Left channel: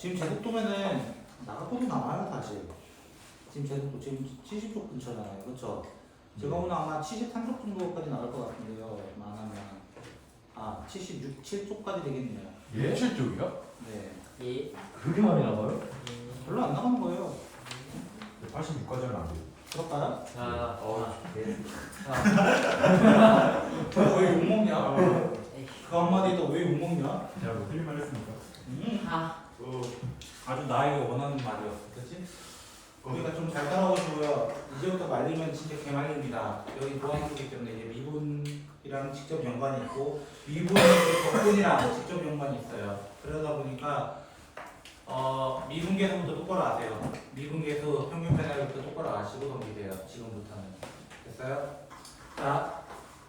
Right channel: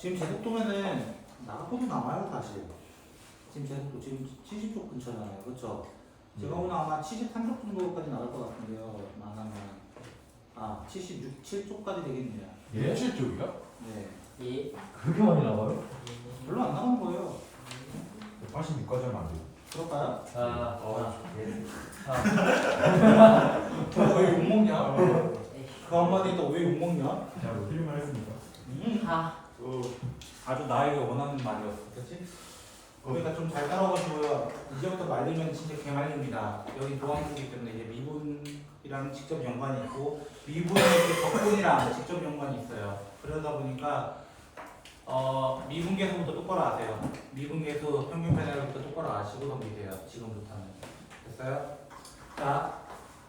지금 제속도면은 나가고도 남아요 사실. 지금 제속도 지금 70쪽 근처잖아요, 그렇죠? 제가 보면 아마 73쪽 정도까지 나갈 것 같은데요, 많으면. 아, 76, 7쪽까지 되겠네요. 예? 7쪽이요? 네, 예. 그렇게 많이 나가요? 별로 안 나가는 거예요. 86까지는 안 돼요. 그럴까요? 아, 왜 욕먹냐? 그 한마디 또왜 욕먹냐? 제가 뭐 틀린 말 했습니까? 아주 나에게 원하는 말이었어, 그렇지? 그러니까 좀 잘 따라오시고요. 이제부터 말리면 진짜 개말립니다. 여기 노안이기 때문에 이제 미분이랑 직접 연관이 있고 미분의 적분이랑 직접 연관이 있어요. 그러다 보니까 미분계수부터 똑바로 아세요. 미분계수 평균 배달부터 똑바로 아시고 넘기세요. 지금부터는. 됐어요? 자,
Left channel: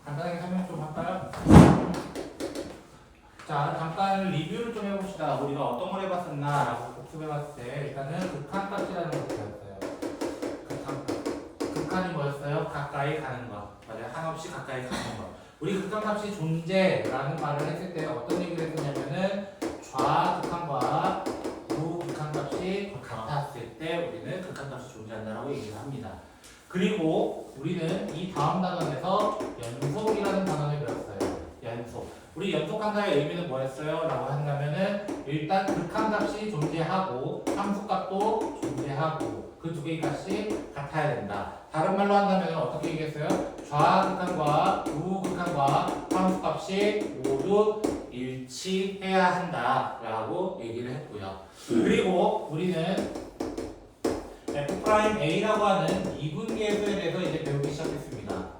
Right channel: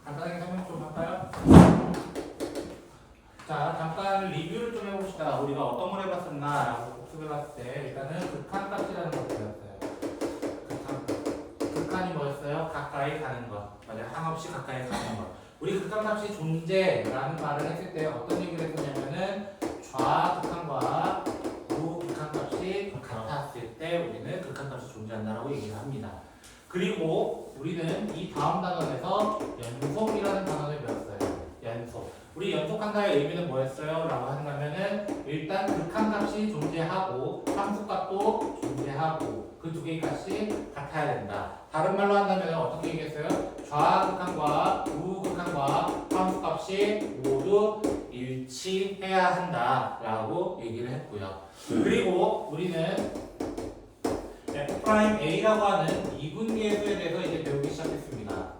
간단하게 설명 좀 할까요? 자, 잠깐 리뷰를 좀 해봅시다. 우리가 어떤 걸 해봤었나 라고 복습해봤을 때 일단은 극한값이라는 걸 배웠어요. 극한값. 극한이 뭐였어요? 가까이 가는 것. 맞아요. 한없이 가까이 가는 것. 우리 극한값이 존재라는 말을 했을 때 어떤 얘기를 했었냐면은 좌극한과 우극한값이 같았을 때 우리는 극한값이 존재한다라고 얘기를 합니다. 그리고 우리는 이 다음 단원에서 연속이라는 단원을 배웠어요. 연속. 우리 연속한다의 의미는 뭐였어요? 라고 한다면은 일단 극한값이 존재하고 함수값도 존재하고 그 두 개의 값이 같아야 된다. 다른 말로 한다면 어떻게 얘기했어요? 좌극한과 우극한과 함수값이 모두 일치해야 한다 라고 얘기를 했고요. 그리고 우리는 F'A라고 하는 미분계수에 대해서 이제 배우기 시작했습니다.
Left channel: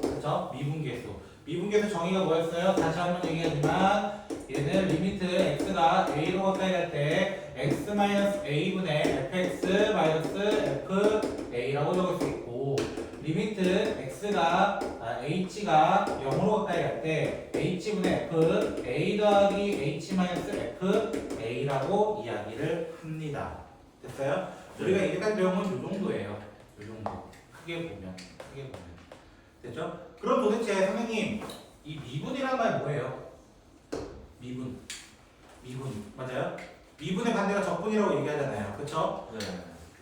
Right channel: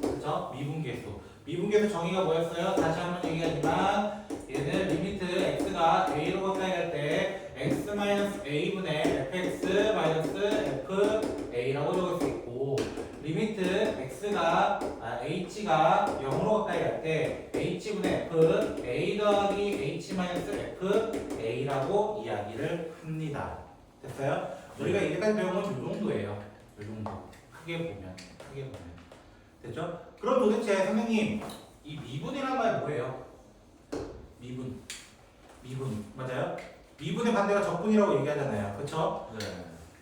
그쵸? 미분계수. 미분계수 정의가 뭐였어요? 다시 한번 얘기하지만 얘는 리미트 x가 a로 가까이 갈 때 x-a분의 fx-fa라고 적을 수 있고 리미트 h가 0으로 가까이 갈 때 h분의 f a 더하기 h-fa라고 이야기를 합니다. 됐어요? 우리가 이제까지 배운 건 이 정도예요. 이 정도. 크게 보면. 됐죠? 그럼 도대체 선생님 이 미분이란 말 뭐예요? 미분 맞아요? 미분의 반대가 적분이라고 얘기하잖아요, 그쵸? 네.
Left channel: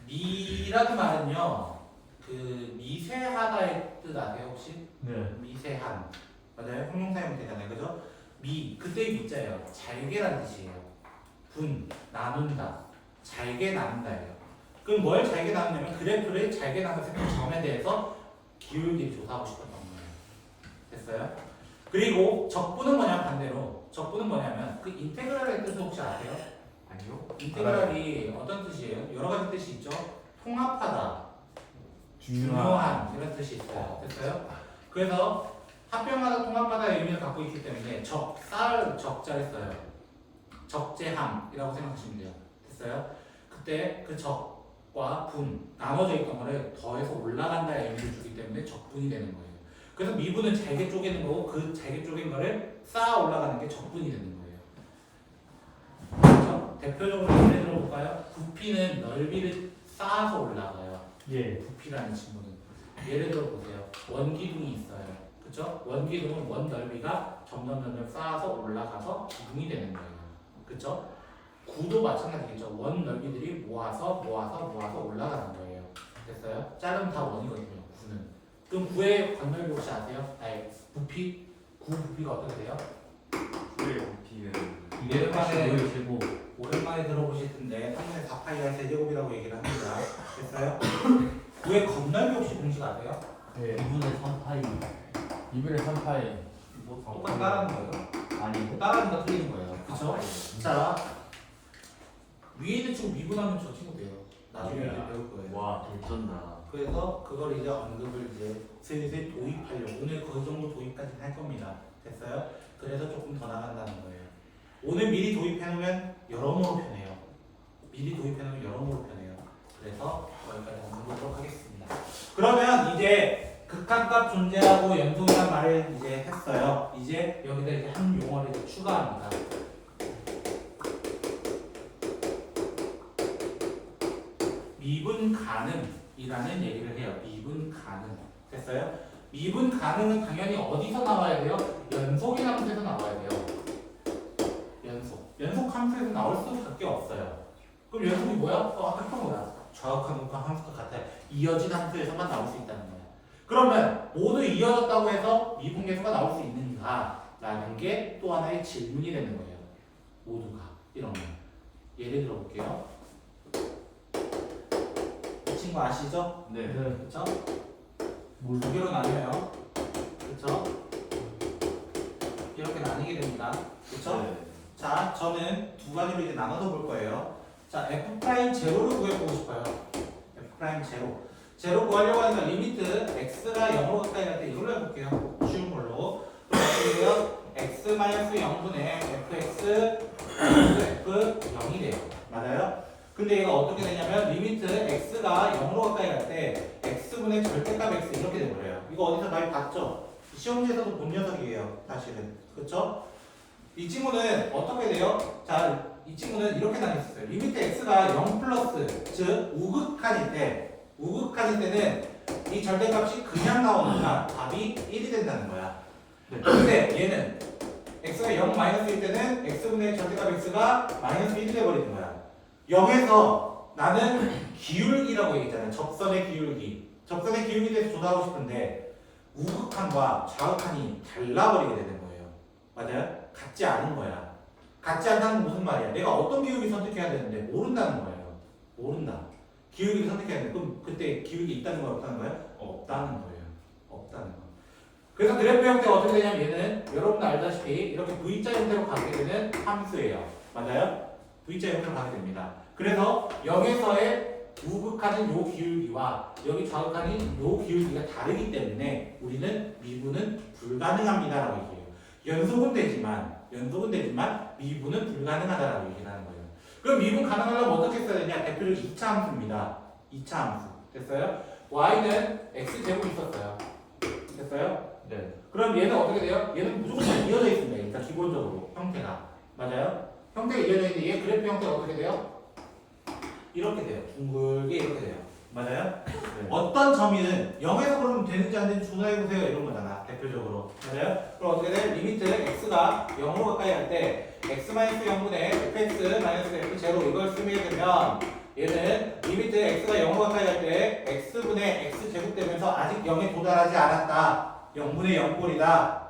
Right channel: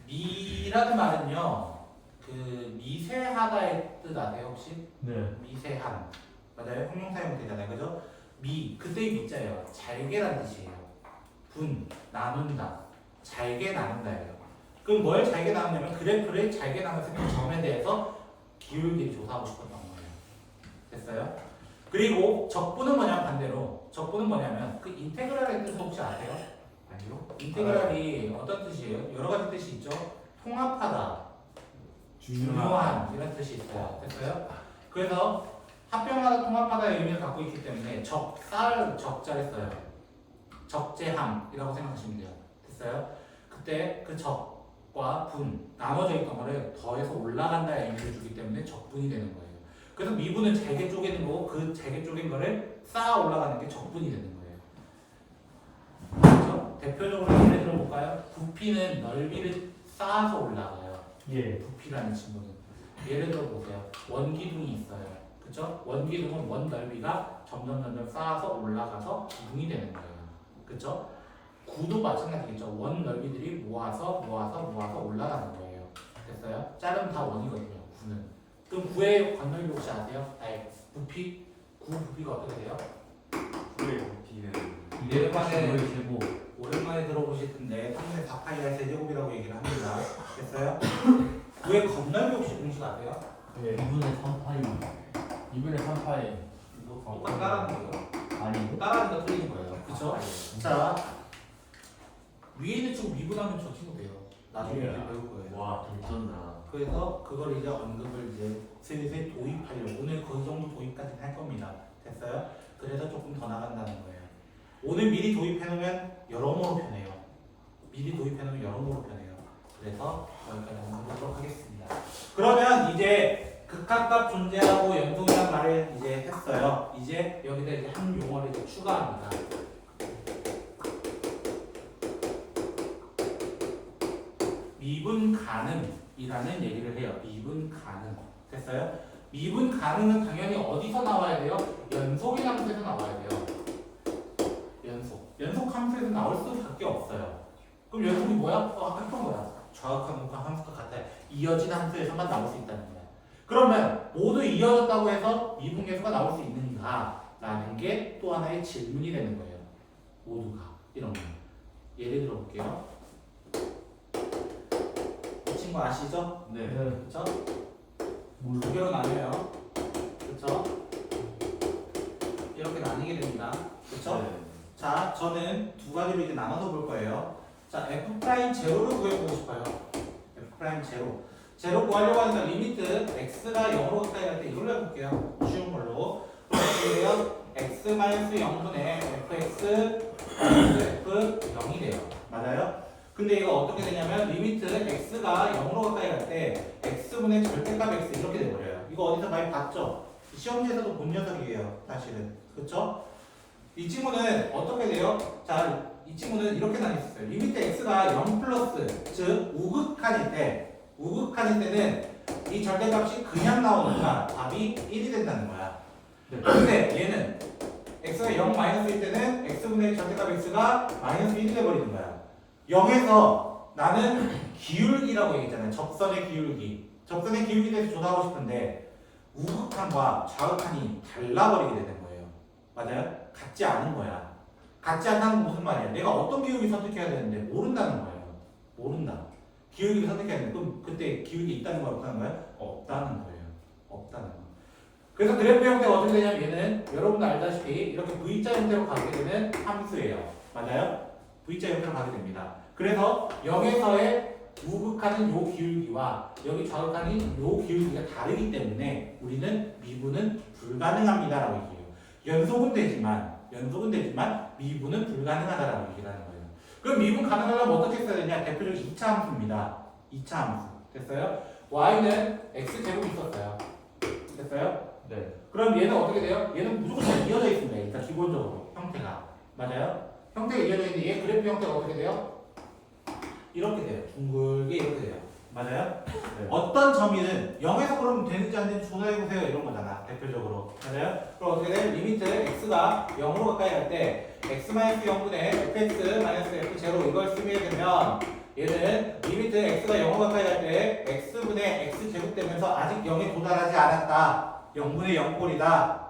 미라는 말은요 그 미세하다의 뜻 아세요 혹시? 네. 미세한 맞아요? 형용사 형태잖아요, 그죠? 그때의 미자예요. 잘게란 뜻이에요. 분, 나눈다, 잘게 나눈다예요. 그럼 뭘 잘게 나누냐면 그래프를 잘게 나눴을 때 점에 대해서 기울기를 조사하고 싶었던 거예요. 됐어요? 그리고 적분은 뭐냐면 반대로 적분은 뭐냐면 그 인테그랄의 뜻을 혹시 아세요? 아니요. 인테그랄이 어떤 뜻이에요? 여러 가지 뜻이 있죠. 통합하다, 중요한 이런 뜻이 있어요. 됐어요? 그래서 합병하다, 통합하다의 의미를 갖고 있기 때문에 적살, 적자를 써요. 적재함이라고 생각하시면 돼요. 됐어요? 그때 그 적과 분 나눠져 있던 거를 더해서 올라간다의 의미를 주기 때문에 적분이 되는 거예요. 그래서 미분은 잘게 쪼개는 거고 그 잘게 쪼갠 거를 쌓아 올라가는 게 적분이 되는 거예요. 그렇죠? 대표적으로 예를 들어 볼까요? 부피는 넓이를 쌓아서 올라가요. 예. 부피라는 친구는 예를 들어 보세요. 원기둥이 있어요. 그렇죠? 원기둥은 원 넓이가 점점 쌓아서 올라가서 기둥이 되는 거예요. 그렇죠? 구도 마찬가지겠죠. 원 넓이들이 모아서 올라가는 거예요. 됐어요? 자르면 다 원이거든요. 구는. 그럼 구의 건널비 혹시 아세요? 아니, 부피? 구 부피가 어떻게 돼요? 구의 부피는 오랜만에 들어보실 텐데 3분의 4파이가 세제곱이라고 얘기를 합니다. 됐어요? 구의 건널비 혹시 공식 아세요? 네. 2분의 3파이. 2분의 3파이. 뭐 똑같이 따라하는 거예요. 아니, 따라하니까 틀리는 거예요. 그쵸? 자, 위에 있는 친구 미분하면 저 친구 돼요. 나중에 이제 배울 거예요. 와, 개쩐다. 그래서 그걸 이제 언급을 이제 슬슬 도입하려고 오늘 그 정도 도입까지는 할 겁니다. 됐어요? 그래서 조금 더 나간다는 거예요. 오늘 미리 도입해놓으면 여러모로 편해요. 그래서 거기까지 언급하도록 하겠습니다. 그러면 이제 극한값 존재하고 연속이란 말을 이제 했어요. 이제 여기다 이제 한 용어를 이제 추가합니다. 미분 가능이라는 얘기를 해요. 미분 가능. 됐어요? 미분 가능은 당연히 어디서 나와야 돼요? 연속이라는 뜻에서 나와야 돼요. 연속 함수에서 나올 수밖에 없어요. 그럼 연속이 뭐야? 아까 했던 거야. 좌극한 극한 함수가 같아요. 이어진 함수에서만 나올 수 있다는 거야. 그러면 모두 이어졌다고 해서 미분계수가 나올 수 있는가? 라는 게 또 하나의 질문이 되는 거예요. 모두가. 이런 거. 예를 들어 볼게요. 이 친구 아시죠? 네. 그쵸? 두 개로 나뉘어요. 그쵸? 이렇게 나뉘게 됩니다. 그쵸? 네. 자, 저는 두 가지로 이제 나눠서 볼 거예요. 자, F'0를 구해보고 싶어요. F'0. 제로 구하려고 하니까 리미트 x가 0으로 가까이 갈 때 이걸로 해볼게요. 쉬운 걸로. 그럼 어떻게 돼요? x-0분의 fx f0이 돼요. 맞아요? 근데 이거 어떻게 되냐면 리미트 x가 0으로 가까이 갈 때 x분의 절대값 x 이렇게 돼버려요. 이거 어디서 많이 봤죠? 시험지에서도 본 녀석이에요. 사실은. 그쵸? 이 친구는 어떻게 돼요? 자, 이 친구는 이렇게 나뉘었어요. 리미트 x가 0 플러스, 즉 우극한일 때는 이 절대값이 그냥 나오니까 답이 1이 된다는 거야. 근데 얘는 x가 0 마이너스일 때는 x분의 절대값 x가 마이너스 1이 돼버리는 거야. 여기서 나는 기울기라고 얘기했잖아요. 접선의 기울기. 접선의 기울기에 대해서 조사하고 싶은데 우극한과 좌극한이 달라버리게 되는 거예요. 맞아요? 같지 않은 거야. 같지 않다는 건 무슨 말이야? 내가 어떤 기울기 선택해야 되는데 모른다는 거예요. 모른다. 기울기를 선택해야 되는데 그럼 그때 기울기 있다는 거야? 없다는 거야? 없다는 거예요. 없다는 거. 그래서 그래프 형태가 어떻게 되냐면 얘는 여러분 알다시피 이렇게 V자 형태로 가게 되는 함수예요. 맞아요? V자 형태로 가게 됩니다. 그래서 여기서의 우극하는 요 기울기와 여기 좌극하는 요 기울기가 다르기 때문에 우리는 미분은 불가능합니다라고 얘기해요. 연속은 되지만 미분은 불가능하다라고 얘기를 하는 거예요. 그럼 미분 가능하려면 어떻게 써야 되냐? 대표적으로 2차 함수입니다. 2차 함수. 됐어요? y는 x제곱이 있었어요. 됐어요? 네. 그럼 얘는 어떻게 돼요? 얘는 무조건 다 이어져 있습니다. 일단 기본적으로 형태가. 맞아요? 형태가 이어져 있는데 얘 그래프 형태가 어떻게 돼요? 이렇게 돼요. 둥글게 이렇게 돼요. 맞아요? 네. 어떤 점이든 0에서 그러면 되는지 안 되는지 조사해보세요. 이런 거잖아. 대표적으로. 맞아요? 그럼 어떻게 돼? 리미트 x가 0으로 가까이 갈 때 x-0분의 fx-f0 이걸 쓰게 되면 얘는 리미트 x가 0으로 가까이 갈 때 x분의 x제곱 되면서 아직 0에 도달하지 않았다. 0분의 0꼴이다.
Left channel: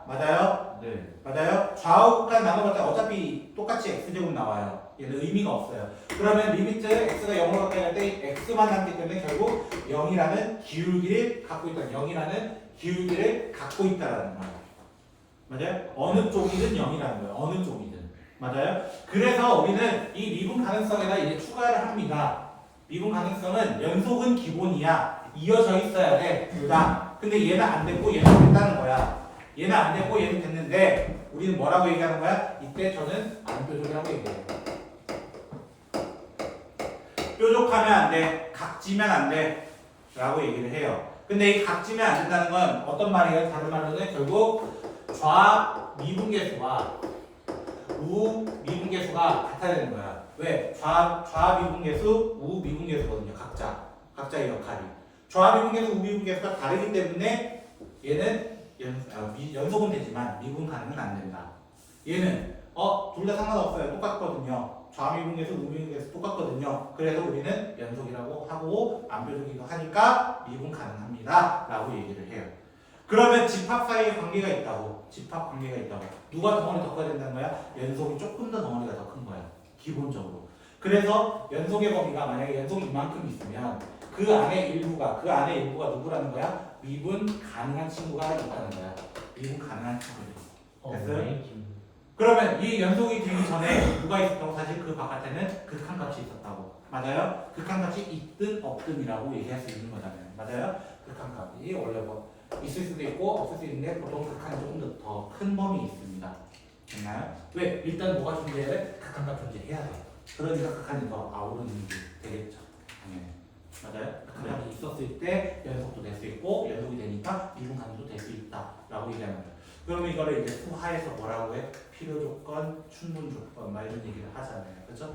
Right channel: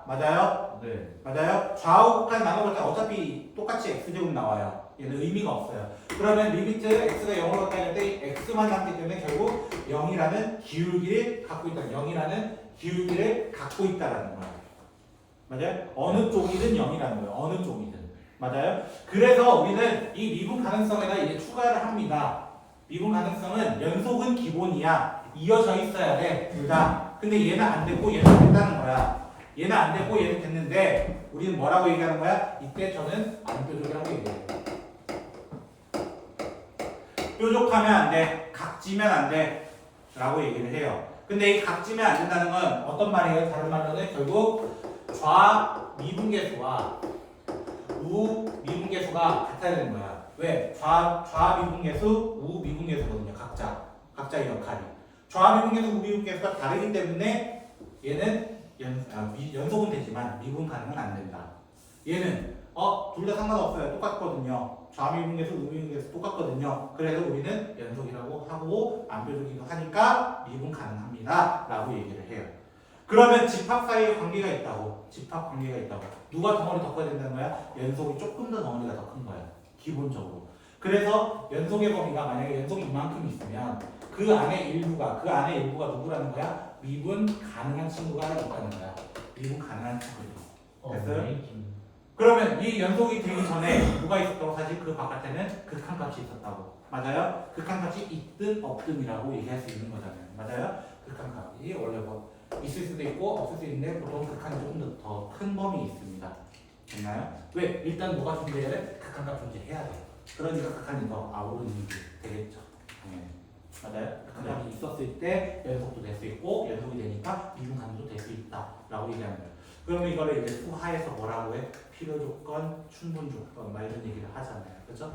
맞아요? 네. 맞아요? 좌우극한 나눠봤자 어차피 똑같이 x제곱 나와요. 얘는 의미가 없어요. 그러면 리미트 x가 0으로 가까이 갈 때 x만 남기 때문에 결국 0이라는 기울기를 갖고 있다. 0이라는 기울기를 갖고 있다라는 거예요. 맞아요? 어느 쪽이든 0이라는 거예요. 어느 쪽이든. 맞아요? 그래서 우리는 이 미분 가능성에다 이제 추가를 합니다. 미분 가능성은 연속은 기본이야. 이어져 있어야 돼. 둘 다. 근데 얘는 안 됐고 얘는 됐다는 거야. 얘는 안 됐고 얘는 됐는데 우리는 뭐라고 얘기하는 거야? 이때 저는 안뾰족이라고 얘기해요. 뾰족하면 안 돼. 각지면 안 돼. 라고 얘기를 해요. 근데 이 각지면 안 된다는 건 어떤 말이에요? 다른 말로는 결국 좌 미분계수와 우 미분계수가 같아야 되는 거야. 왜? 좌 미분계수, 우 미분계수거든요. 각자의 역할이. 좌 미분계수, 우 미분계수가 다르기 때문에 얘는 연속은 되지만 미분 가능은 안 된다. 얘는 둘 다 상관없어요. 똑같거든요. 좌미분계수, 우미분계수 똑같거든요. 그래서 우리는 연속이라고 하고 안뾰족이기도 하니까 미분 가능합니다. 라고 얘기를 해요. 그러면 집합 사이에 관계가 있다고. 집합 관계가 있다고. 누가 덩어리 더 커야 된다는 거야? 연속이 조금 더 덩어리가 더 큰 거야. 기본적으로. 그래서 연속의 범위가 만약에 연속이 이만큼 있으면 그 안에 일부가 누구라는 거야? 미분 가능한 친구가 있다는 거야. 미분 가능한 친구죠. 됐어요? 그러면 이 연속이 되기 전에 누가 있었다고? 사실 그 바깥에는 극한값이 있었다고. 맞아요? 극한값이 있든 없든이라고 얘기할 수 있는 거잖아요. 맞아요? 극한값이 원래 뭐 있을 수도 있고 없을 수 있는데 보통 극한이 조금 더 큰 범위 있습니다. 됐나요? 왜? 일단 뭐가 존재해야 돼? 극한값 존재해야 돼. 그러니까 극한이 더 아우르는 게 되겠죠. 맞아요? 극한이 있었을 때 연속도 될 수 있고 연속이 되니까 미분 가능도 될 수 있다라고 얘기하는 거예요. 그러면 이거를 이제 수하에서 뭐라고 해? 필요 조건, 충분 조건 막 이런 얘기를 하잖아요. 그렇죠?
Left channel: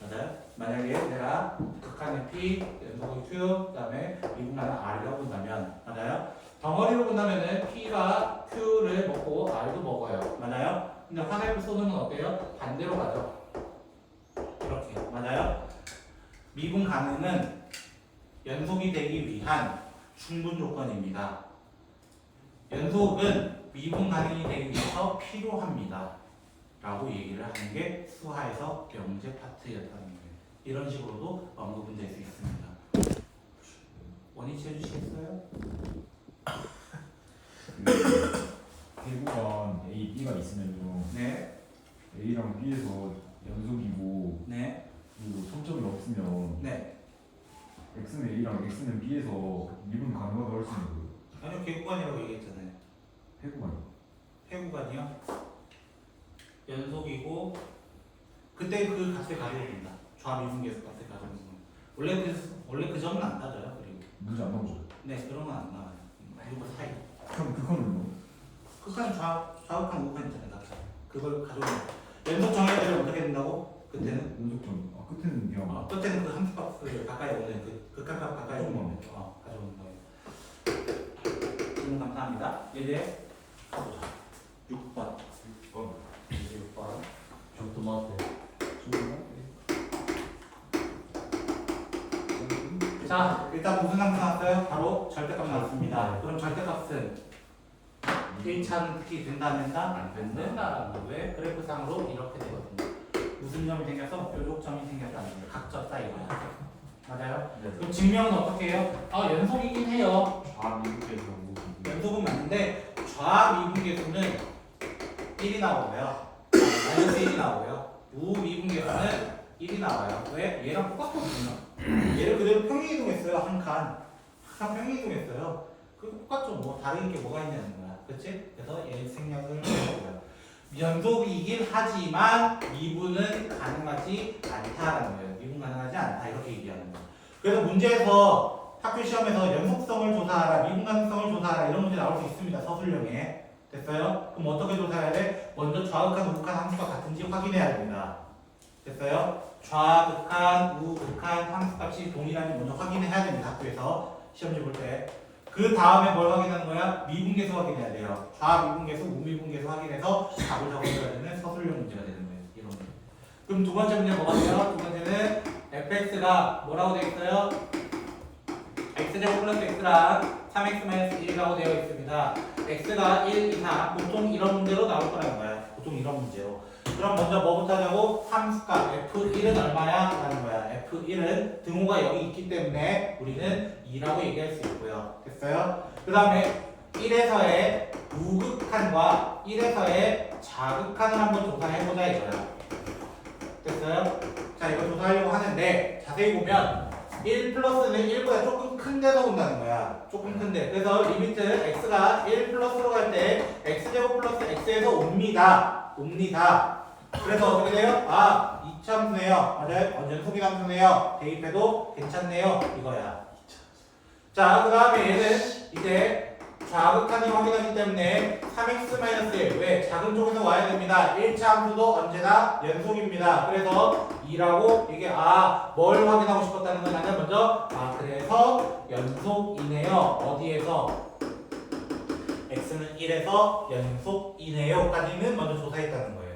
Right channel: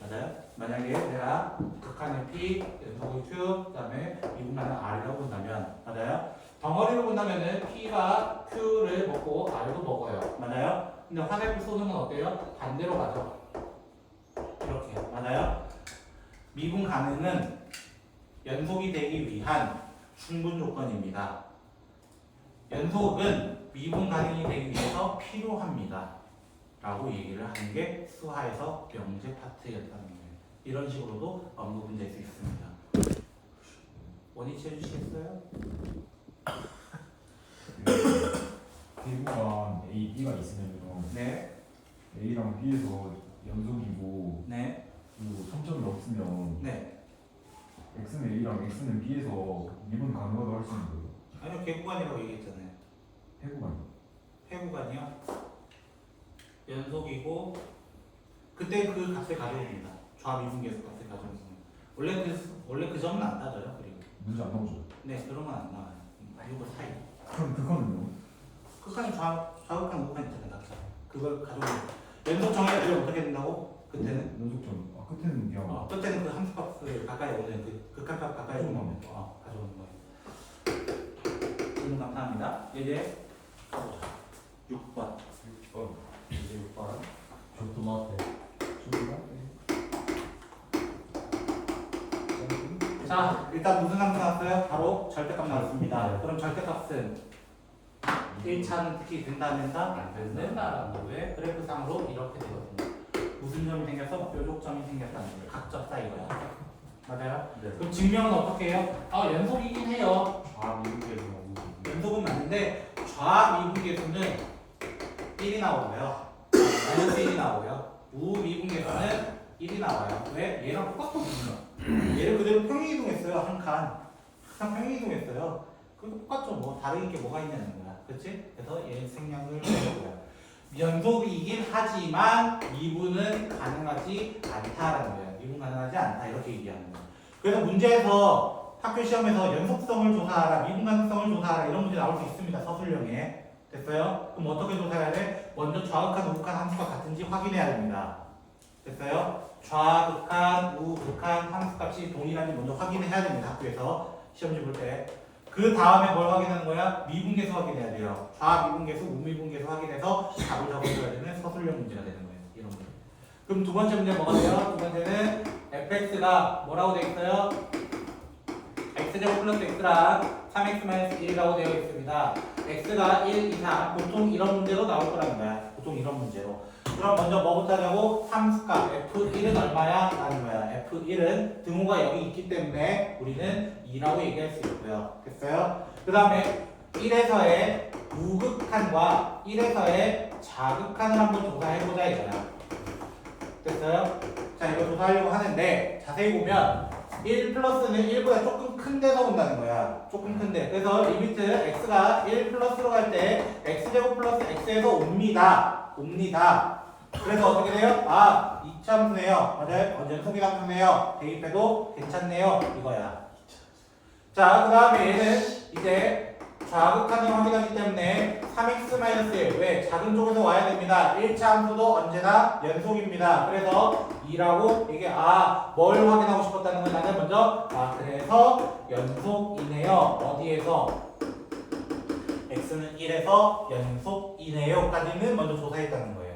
맞아요? 만약에 내가 극한의 P, 연속의 Q, 그다음에 미분가는 R을 본다면 맞아요? 덩어리로 본다면은 P가 Q를 먹고 R도 먹어요. 맞아요? 근데 화살표 쏘는 건 어때요? 반대로 가죠. 이렇게 맞아요? 미분 가능은 연속이 되기 위한 충분 조건입니다. 연속은 미분 가능이 되기 위해서 필요합니다. 라고 얘기를 하는 게 수하에서 명제 파트였다는 거예요. 이런 식으로도 언급은 될 수 있습니다. 원위치 해주시겠어요? 대구간 A, B가 있으면 네. A랑 B에서 연속이고 네. 그리고 점점이 없으면 네. X는 A랑 X는 B에서 미분 가능하다고 할 수 있는 거예요. 아니요, 개구간이라고 얘기했잖아요. 대구간. 해구간이요. 연속이고 그때 그 값을 가져오면 됩니다. 좌미분계수 값을 가져오면 원래 그 점은 안 따져요. 그리고 문제 안 나오죠. 네, 그런 건 안 나와요. 이거 사이. 그럼 그거는요? 극한 좌극한 우극한 있잖아요. 각자. 그걸 가져오면 연속 정의를 어떻게 된다고? 그때는 연속점. 아 끝에는 그냥 끝에는 그 함수값을 가까이 오는 그 극한값 가까이 오는 가져오는 거예요. 질문 감사합니다. 이제 가보자. 6번. 이제 6번. 저도 맞대. 자, 일단 무슨 함수 나왔어요? 바로 절대값 나왔습니다. 그럼 절대값은 1차는 특히 된다 안 된다? 안 된다라는 거. 왜? 그래프상으로 이렇게 되거든요. 무슨 점이 생겨서 뾰족점이 생겼다는 거예요. 각점 사이가. 맞아요? 네. 그럼 증명은 어떻게 해요? 연속이긴 해요. 좌미분계수 연속은 맞는데 좌미분계수는 1이 나오고요. 마이너스 1이 나오고요. 우미분계수는 1이 나와요. 왜? 얘랑 똑같거든요. 얘를 그대로 평행이동했어요. 한 칸. 평행이동했어요. 그 똑같죠. 뭐 다른 게 뭐가 있냐는 거야. 그치? 그래서 얘 생략을 해주고요. 연속이긴 하지만 미분은 가능하지 않다라는 거예요. 미분 가능하지 않다 이렇게 얘기하는 거예요. 그래서 문제에서 학교 시험에서 연속성을 조사하라, 미분 가능성을 조사하라 이런 문제 나올 수 있습니다. 서술형에. 됐어요? 그럼 어떻게 조사해야 돼? 먼저 좌극한, 우극한 함수가 같은지 확인해야 됩니다. 됐어요? 좌극한, 우극한 함수값이 동일한지 먼저 확인해야 됩니다. 학교에서 시험지 볼 때. 그 다음에 뭘 확인하는 거야? 미분계수 확인해야 돼요. 좌미분계수, 우미분계수 확인해서 답을 적어줘야 되는 서술형 문제가 되는 거예요. 이런 문제. 그럼 두 번째 문제 뭐가 돼요? 두 번째는 fx가 뭐라고 되어 있어요? x제곱 플러스 x랑 3x-1이라고 되어 있습니다. x가 1 이상 보통 이런 문제로 나올 거라는 거야. 보통 이런 문제로. 그럼 먼저 뭐부터 하자고? 함수값 f1은 얼마야? 라는 거야. f1은 등호가 여기 있기 때문에 우리는 2라고 얘기할 수 있고요. 됐어요? 그 다음에 1에서의 우극한과 1에서의 자극한을 한번 조사해보자 이거야. 됐어요? 자, 이거 조사하려고 하는데 자세히 보면 1 플러스는 1보다 조금 큰 데서 온다는 거야. 조금 큰데. 그래서 리미트 x가 1 플러스로 갈 때 x제곱 플러스 x에서 옵니다. 그래서 어떻게 돼요? 이참수네요. 맞아요? 연속이 함수네요. 대입해도 괜찮네요. 이거야. 자, 그 다음에 얘는 이제 좌극한을 확인하기 때문에 3x-1 왜? 작은 쪽에서 와야 됩니다. 1차 함수도 언제나 연속입니다. 그래서 2라고 이게 뭘 확인하고 싶었다는 건 나는 먼저 그래서 연속이네요. 어디에서? x는 1에서 연속이네요 까지는 먼저 조사했다는 거예요.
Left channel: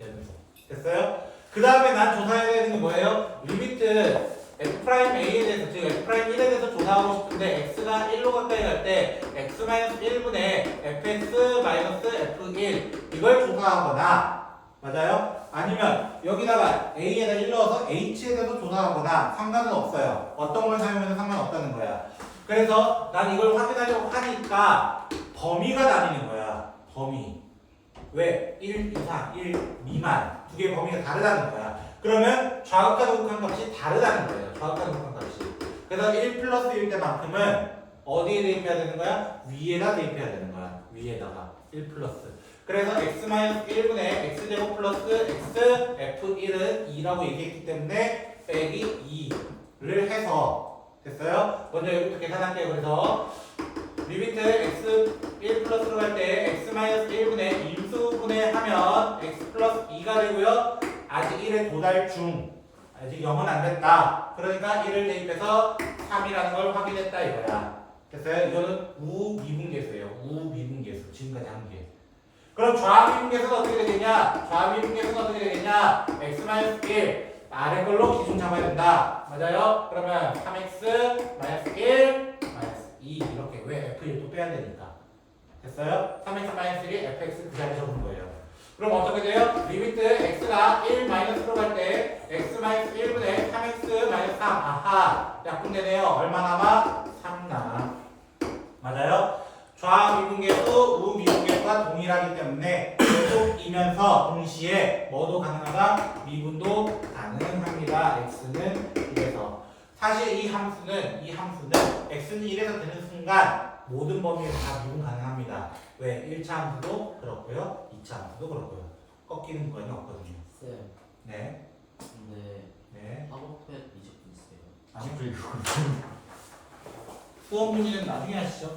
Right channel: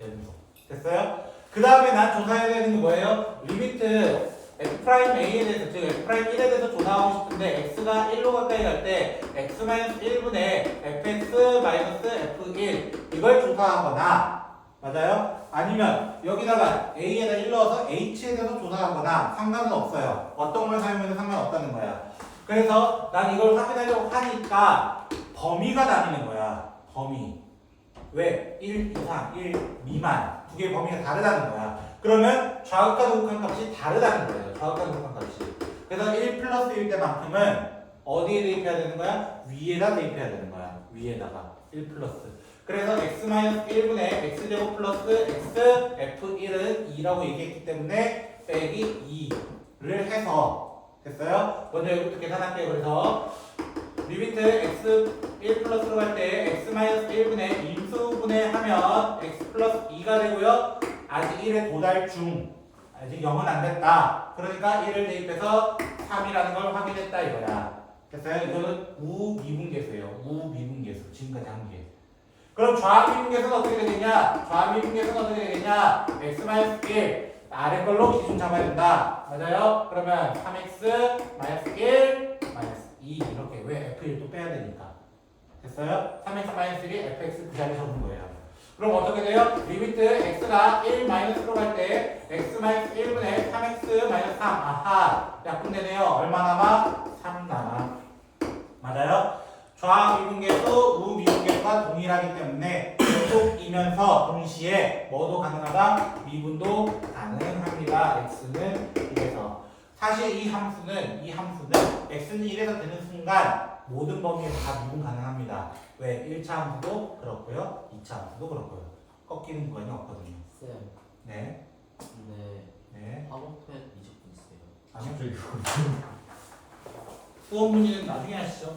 연속. 됐어요? 그 다음에 난 조사해야 되는 게 뭐예요? 리미트 f'A에 대해서 즉 f'1에 대해서 조사하고 싶은데 x가 1로 가까이 갈 때 x-1분의 fx-f1 이걸 조사하거나 맞아요? 아니면 여기다가 a에다 1 넣어서 h에 대해서 조사하거나 상관은 없어요. 어떤 걸 사용해도 상관없다는 거야. 그래서 난 이걸 확인하려고 하니까 범위가 나뉘는 거야. 범위. 왜? 1 이상, 1 미만 두 개의 범위가 다르다는 거야. 그러면 좌극한 우극한 값이 다르다는 거예요. 좌극한 우극한 값이. 그래서 1 플러스 1 때만큼은 어디에 대입해야 되는 거야? 위에다 대입해야 되는 거야. 위에다가 1 플러스. 그래서 x-1분의 x제곱 플러스 x f1은 2라고 얘기했기 때문에 빼기 2를 해서 됐어요? 먼저 이것부터 계산할게요. 그래서 리미트 x 1 플러스로 갈 때 x-1분의 임수분해 하면 x 플러스 2가 되고요. 아직 1에 도달 중. 아직 0은 안 됐다. 그러니까 1을 대입해서 3이라는 걸 확인했다 이거야. 됐어요? 이거는 우미분계수예요. 우미분계수. 지금까지 한 개. 그럼 좌미분계수는 어떻게 되겠냐? 좌미분계수는 어떻게 되겠냐? x-1 아래 걸로 기준 잡아야 된다. 맞아요? 그러면 3x 마이너스 1 마이너스 2 이렇게 왜 f1 또 빼야 되니까. 됐어요? 3x 마이너스 1이 fx 그 자리에 적은 거예요. 그럼 어떻게 돼요? 리미트 x가 1 마이너스로 갈 때 x 마이너스 1분의 3x 마이너스 3 아하 약분되네요. 얼마 남아? 3 남아. 맞아요? 좌 미분계수, 우 미분계수와 동일하기 때문에 계속이면서 동시에 뭐도 가능하다? 미분도 가능합니다. x는 1에서. 사실 이 함수는 x는 1에서 되는 순간 모든 범위에서 다 미분 가능합니다. 왜? 1차 함수도 그렇고요. 2차 함수도 그렇고요. 꺾이는 구간이 없거든요. 쌤, 네. 근데 네. 학원패 20분 있어요. 아니, 갑자기 그걸 수업 문제는 나중에 하시죠.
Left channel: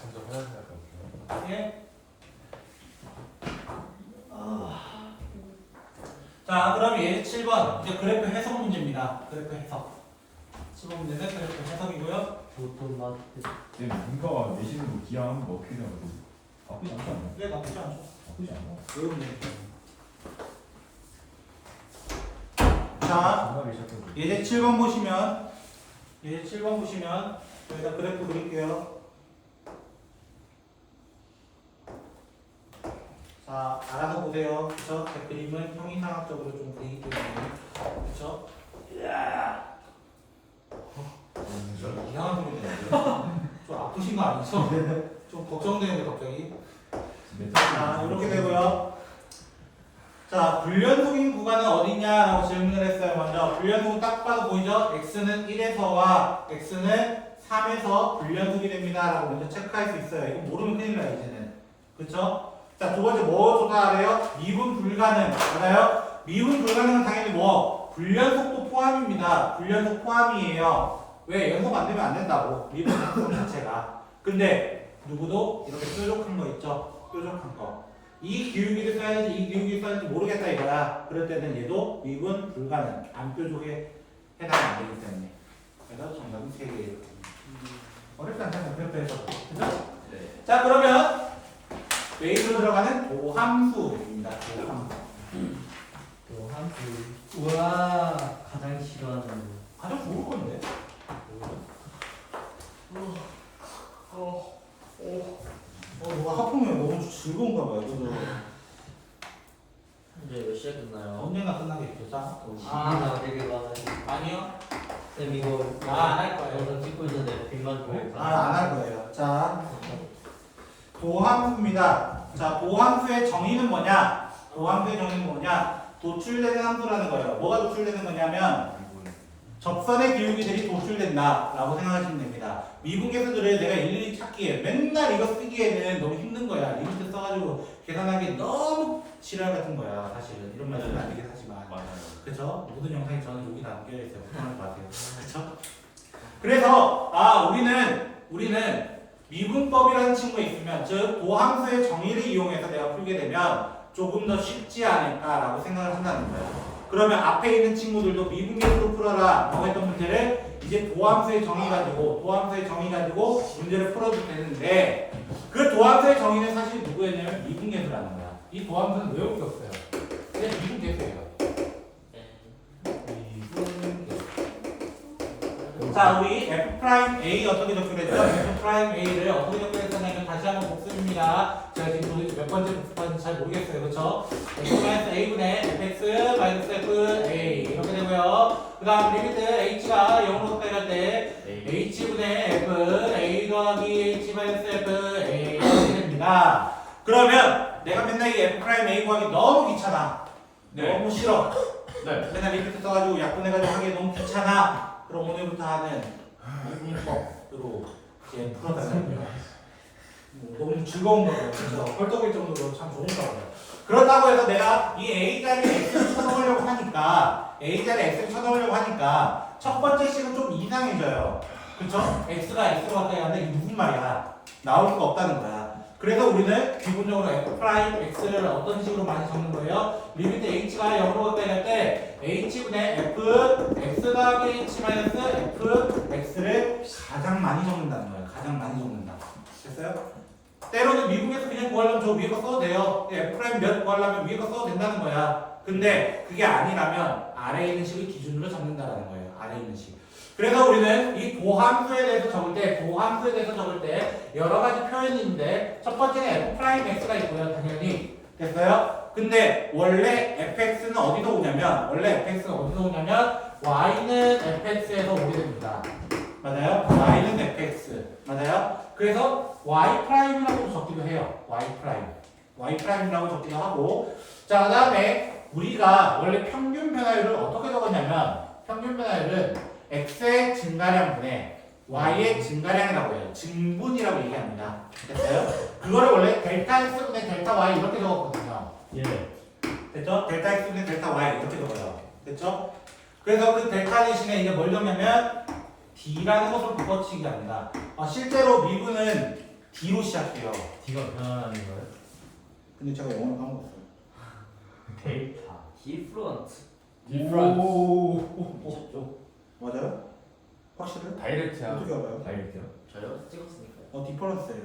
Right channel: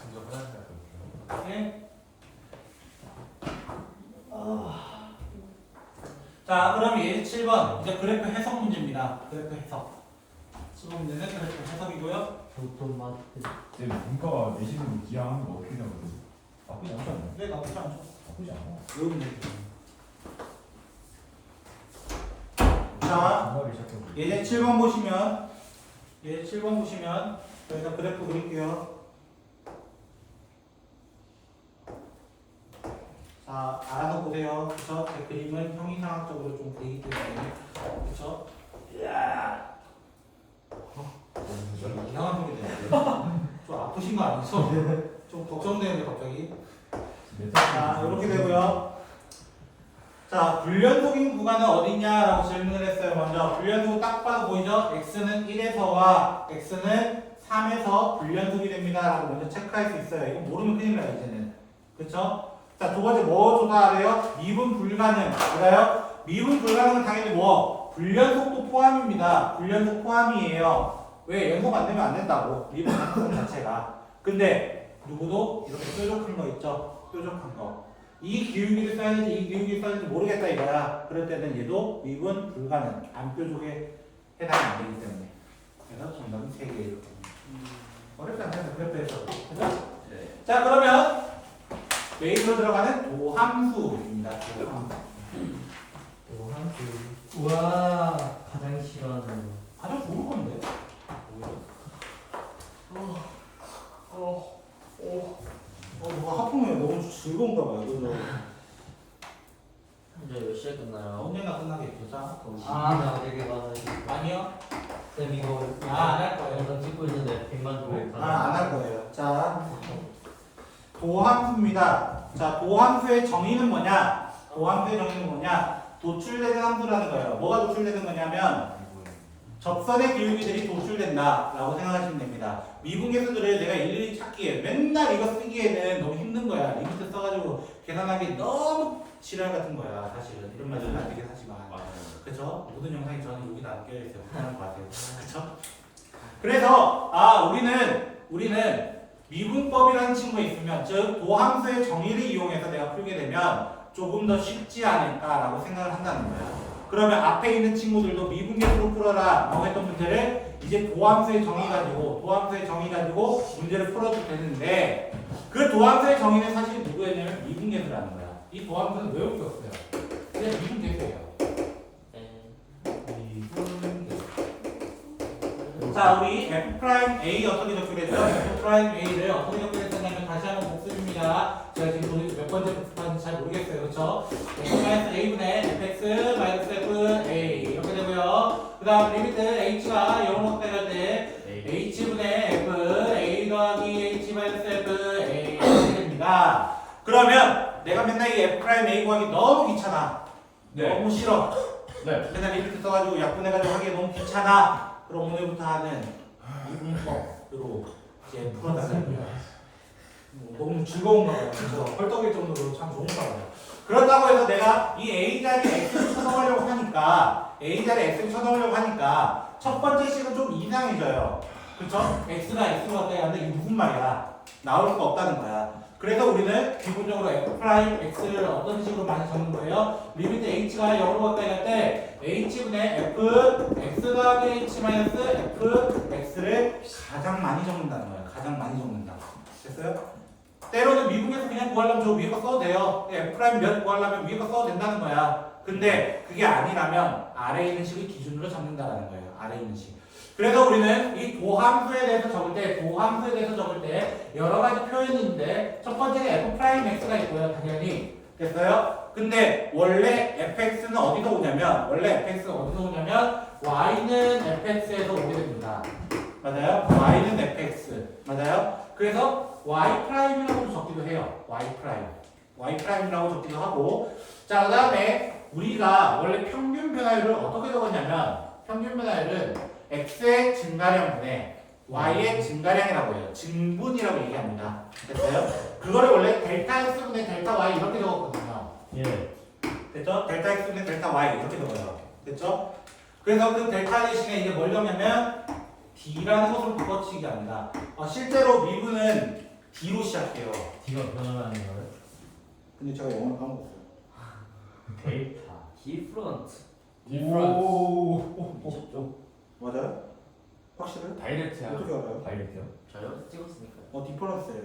진짜 해야 될것 네. 자, 그럼 예제 7번 이제 그래프 해석 문제입니다. 그래프 해석. 7번 문제는 그래프 해석이고요. 오토마트. 내 문과가 내신으로 기하하는 거 어떻게 생각하세요? 나쁘지 않지 않나요? 네, 나쁘지 않죠. 나쁘지 않나? 그 문제입니다. 자, 정말이 시작해서. 예제 7번 보시면 여기다 그래프 그릴게요. 자, 알아서 보세요. 그쵸? 제 그림은 형이상학적으로 좀 되기 때문에. 그쵸? 이야. 이상한 소리 내는데. 좀 아프신 거 아니죠? 좀 걱정되는데 갑자기. 자, 이렇게 되고요. 자, 불연속인 구간은 어디냐라고 질문을 했어요. 먼저 불연속 딱 봐도 보이죠? x는 1에서와 x는 3에서 불연속이 됩니다라고 먼저 체크할 수 있어요. 이거 모르면 큰일 나요, 이제는. 그쵸? 자, 두 번째 뭐 조사하래요? 미분 불가능. 맞아요? 미분 불가능은 당연히 뭐? 불연속도 포함입니다. 불연속 포함이에요. 왜? 연속 안 되면 안 된다고. 미분 가능성 자체가. 근데 누구도 이렇게 뾰족한 거 있죠? 뾰족한 거. 이 기울기를 써야 되는지 이 기울기를 써야 되는지 모르겠다 이거야. 그럴 때는 얘도 미분 불가능. 안 뾰족해 해당이 안 되기 때문에. 그래서 정답은 3개 이렇게. 어렵지 않잖아요. 그래프에서. 그죠? 네. 자, 그러면 메인으로 들어가는 도함수입니다. 도함수. 도함수. 우와, 가장 싫어하는. 아주 좋을 건데. 누가 하품해 너무 즐거운가 봐요. 그죠? 이제 몇 시에 끝나요? 언젠가 끝나겠죠. 자, 나 되게 많아요. 아니요. 쌤 이거 안 할 거예요. 영상 찍고 있는데 빈만 좀. 안 할 거예요. 자, 도함수입니다. 자, 도함수의 정의는 뭐냐? 도함수의 정의는 뭐냐? 도출되는 함수라는 거예요. 뭐가 도출되는 거냐면 접선의 기울기들이 도출된다라고 생각하시면 됩니다. 미분계수들을 내가 일일이 찾기에 맨날 이거 쓰기에는 너무 힘든 거야. 리미트 써가지고 계산하기 너무 지랄 같은 거야. 사실은 이런 말들은 안 되긴 하지만. 그쵸? 모든 영상이 저는 여기 남겨있어요. 불편할 것 같아요. 그쵸? 그래서 우리는 미분법이라는 친구가 있으면 즉 도함수의 정의를 이용해서 내가 풀게 되면 조금 더 쉽지 않을까라고 생각을 한다는 거야. 그러면 앞에 있는 친구들도 미분계수로 풀어라 라고 했던 문제를 이제 도함수의 정의 가지고 문제를 풀어도 되는데 그 도함수의 정의는 사실 누구였냐면 미분계수라는 거야. 이 도함수는 왜 여기 없어요? 그냥 미분계수예요. 자, 우리 F'A 어떻게 적용했죠? F'A를 어떻게 적용했었냐면 다시 한번 복습입니다. 제가 지금 도대체 몇 번째 복습하는지 잘 모르겠어요. 그렇죠? A분의 fx 마이너스 fa 이렇게 되고요. 그 다음 리미트 h가 0으로 가까이 때 h분의 f a 더하기 h 마이너스 f a 이렇게 됩니다. 그러면 내가 맨날 이 F'A 구하기 너무 귀찮아. 너무 싫어. 네. 맨날 리미트 써가지고 약분해가지고 하기 너무 귀찮아. 그럼 오늘부터 하는 미분법으로 이제 풀어나가는 거예요. 너무 즐거운가 봐요. 그렇죠? 헐떡일 정도로 참 좋은가 봐요. 그렇다고 해서 내가 이 A 자리에 X를 쳐넣으려고 하니까 첫 번째 식은 좀 이상해져요. 그렇죠? X가 X로 가까이 가는데 이게 무슨 말이야? 나올 수가 없다는 거야. 그래서 우리는 기본적으로 F'X를 어떤 식으로 많이 적는 거예요? 리미트 H가 0으로 가까이 갈 때 H분의 F X 더하기 H 마이너스 F X를 가장 많이 적는다는 거예요. 가장 많이 적는다. 됐어요? 때로는 미분계수 그냥 구하려면 저 위에 거 써도 돼요. F' 몇 구하려면 위에 거 써도 된다는 거야. 근데 그게 아니라면 아래에 있는 식을 기준으로 잡는다라는 거예요. 아래에 있는 식. 그래서 우리는 이 도함수에 대해서 적을 때 여러 가지 표현이 있는데 첫 번째는 f'x가 있고요. 당연히 됐어요? 근데 원래 fx는 어디서 오냐면 y는 fx에서 오게 됩니다. 맞아요? y는 fx. 맞아요? 그래서 y'이라고 적기도 해요. y'이라고 적기도 하고. 자, 그다음에 우리가 원래 평균 변화율을 어떻게 적었냐면 평균 변화율은 x의 증가량분의 y의 증가량이라고 해요. 증분이라고 얘기합니다. 됐어요? 그거를 원래 델타 x분의 델타 y 이렇게 적었거든요. 예. 됐죠? 델타 x분의 델타 y 이렇게 적어요. 됐죠? 그래서 그 델타 대신에 이제 뭘 적냐면 d라는 것으로 바꿔치기 합니다. 실제로 미분은 d로 시작해요. D가 변화하는 거예요? 근데 제가 영어를 까먹었어요. 데이터. 디프런트. 디프런스. 미쳤죠? 맞아요? 확실해? 다이렉트야. 어떻게 알아요? 다이렉트요? 저요? 찍었으니까요. 디퍼런스예요.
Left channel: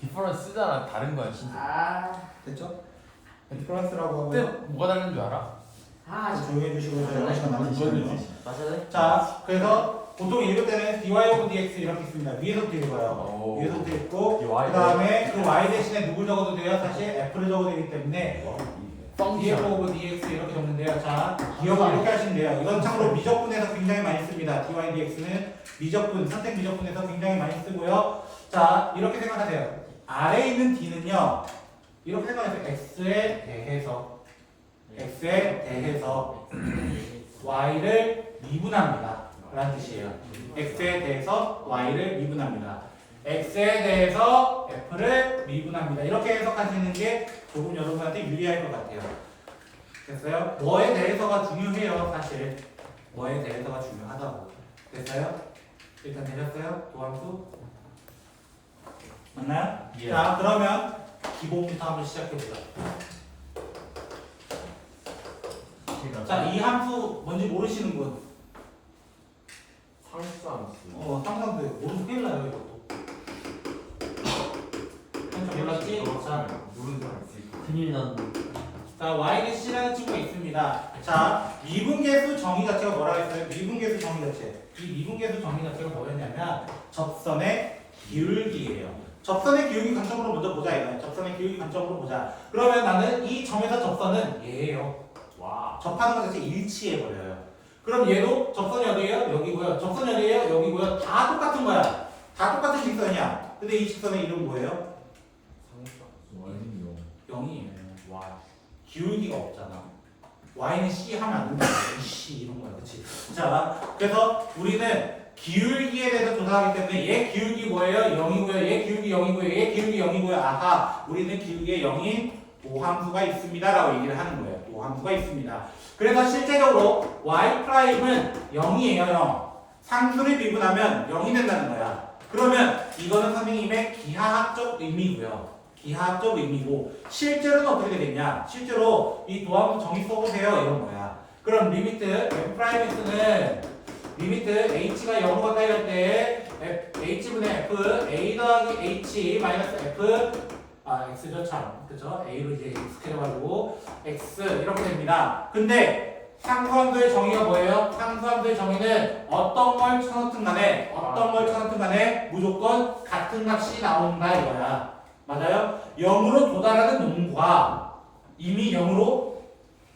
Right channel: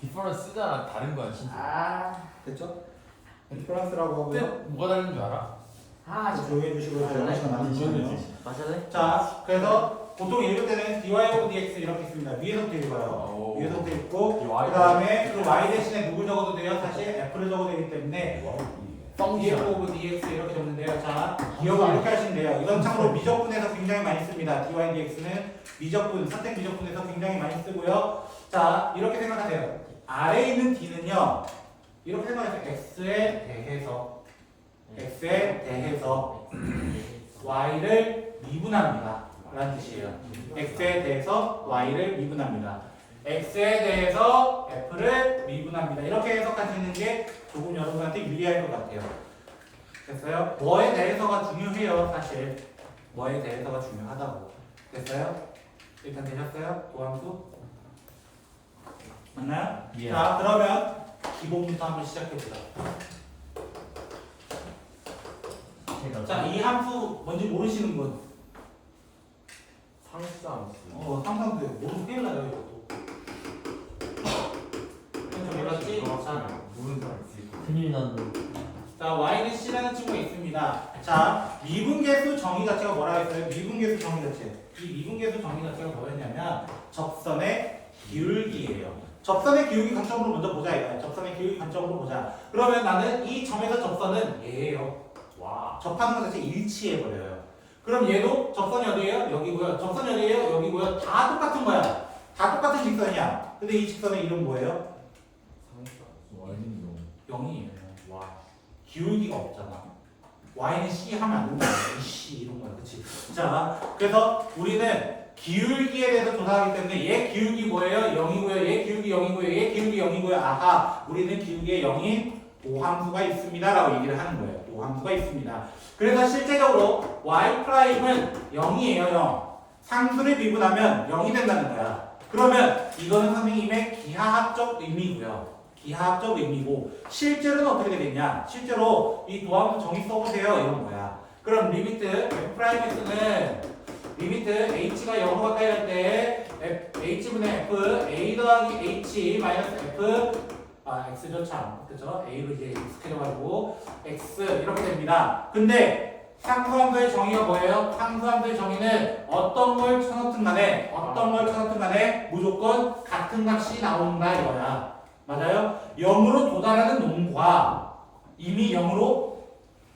디퍼런스 쓰잖아. 다른 거야 진짜. 아, 됐죠? 디퍼런스라고 하고요. 뜻 뭐가 다른 줄 알아? 조용히 해주시고 제가 시간 남으시거든요. 맞아요? 자, 그래서 보통 읽을 때는 dy over dx 이렇게 있습니다. 위에서부터 읽어요. 오. 위에서부터 읽고 이 y 그 다음에 그 y 대신에 누굴 적어도 돼요? 사실 f를 적어도 되기 때문에 df over dx 이렇게 적는데요. 자, 기억을 이렇게 하시면 돼요. 이건 참고로 미적분에서 굉장히 많이 씁니다. dy dx는 미적분, 선택 미적분에서 굉장히 많이 쓰고요. 자, 이렇게 생각하세요. 아래에 있는 d는요. 이렇게 생각해서 x에 대해서 y를 미분합니다. 라는 뜻이에요. x에 대해서 y를 미분합니다. x에 대해서 f를 미분합니다. 이렇게 해석하시는 게 조금 여러분한테 유리할 것 같아요. 됐어요? 뭐에 대해서가 중요해요, 사실. 뭐에 대해서가 중요하다고. 됐어요? 일단 되셨어요? 도함수? 맞나요? 예. 자, 그러면 기본부터 한번 시작해보자. 자, 이 함수 뭔지 모르시는 분? 상수함수. 상상도 모르면 큰일 나요, 이것도. 한참 몰랐지? 자, 모르는 사람 있을 거야. 큰일 난다. 자, y는 c라는 친구가 있습니다. 자, 미분계수 정의 자체가 뭐라고 했어요? 미분계수 정의 자체. 이 미분계수 정의 자체가 뭐였냐면 접선의 기울기예요. 접선의 기울기 관점으로 먼저 보자 이거야. 접선의 기울기 관점으로 보자. 그러면 나는 이 점에서 접선은 얘예요. 와. 접하는 것 자체 일치해 버려요. 그럼 얘도 접선이 어디예요? 여기고요. 접선이 어디예요? 여기고요. 다 똑같은 거야. 다 똑같은 직선이야. 근데 이 직선의 이름 뭐예요? 상수함수. 0이에요. 와. 기울기가 없잖아. y는 c 하면 안 된다. c 이런 거야, 그렇지? 자, 그래서 우리는 기울기에 대해서 조사하기 때문에 얘 기울기 뭐예요? 0이고요. 얘 기울기 0이고요. 얘 기울기 0이고요. 아하, 우리는 기울기에 0인 도함수가 있습니다라고 얘기를 하는 거예요. 도함수가 있습니다. 그래서 실제적으로 y'은 0이에요. 0. 상수를 미분하면 0이 된다는 거야. 그러면 이거는 선생님의 기하학적 의미고요. 기하학적 의미고 실제로는 어떻게 되겠냐? 실제로 이 도함수 정의 써보세요. 이런 거야. 그럼 리미트 f'x는 리미트 h가 0으로 갔다 이럴 때 h분의 f a 더하기 h 마이너스 f x죠 참 그죠? a로 이제 익숙해져가지고 x 이렇게 됩니다. 근데 상수함수의 정의가 뭐예요? 상수함수의 정의는 어떤 걸 쳐넣든 간에 무조건 같은 값이 나온다 이거야. 맞아요? 0으로 도달하는 놈과 이미 0으로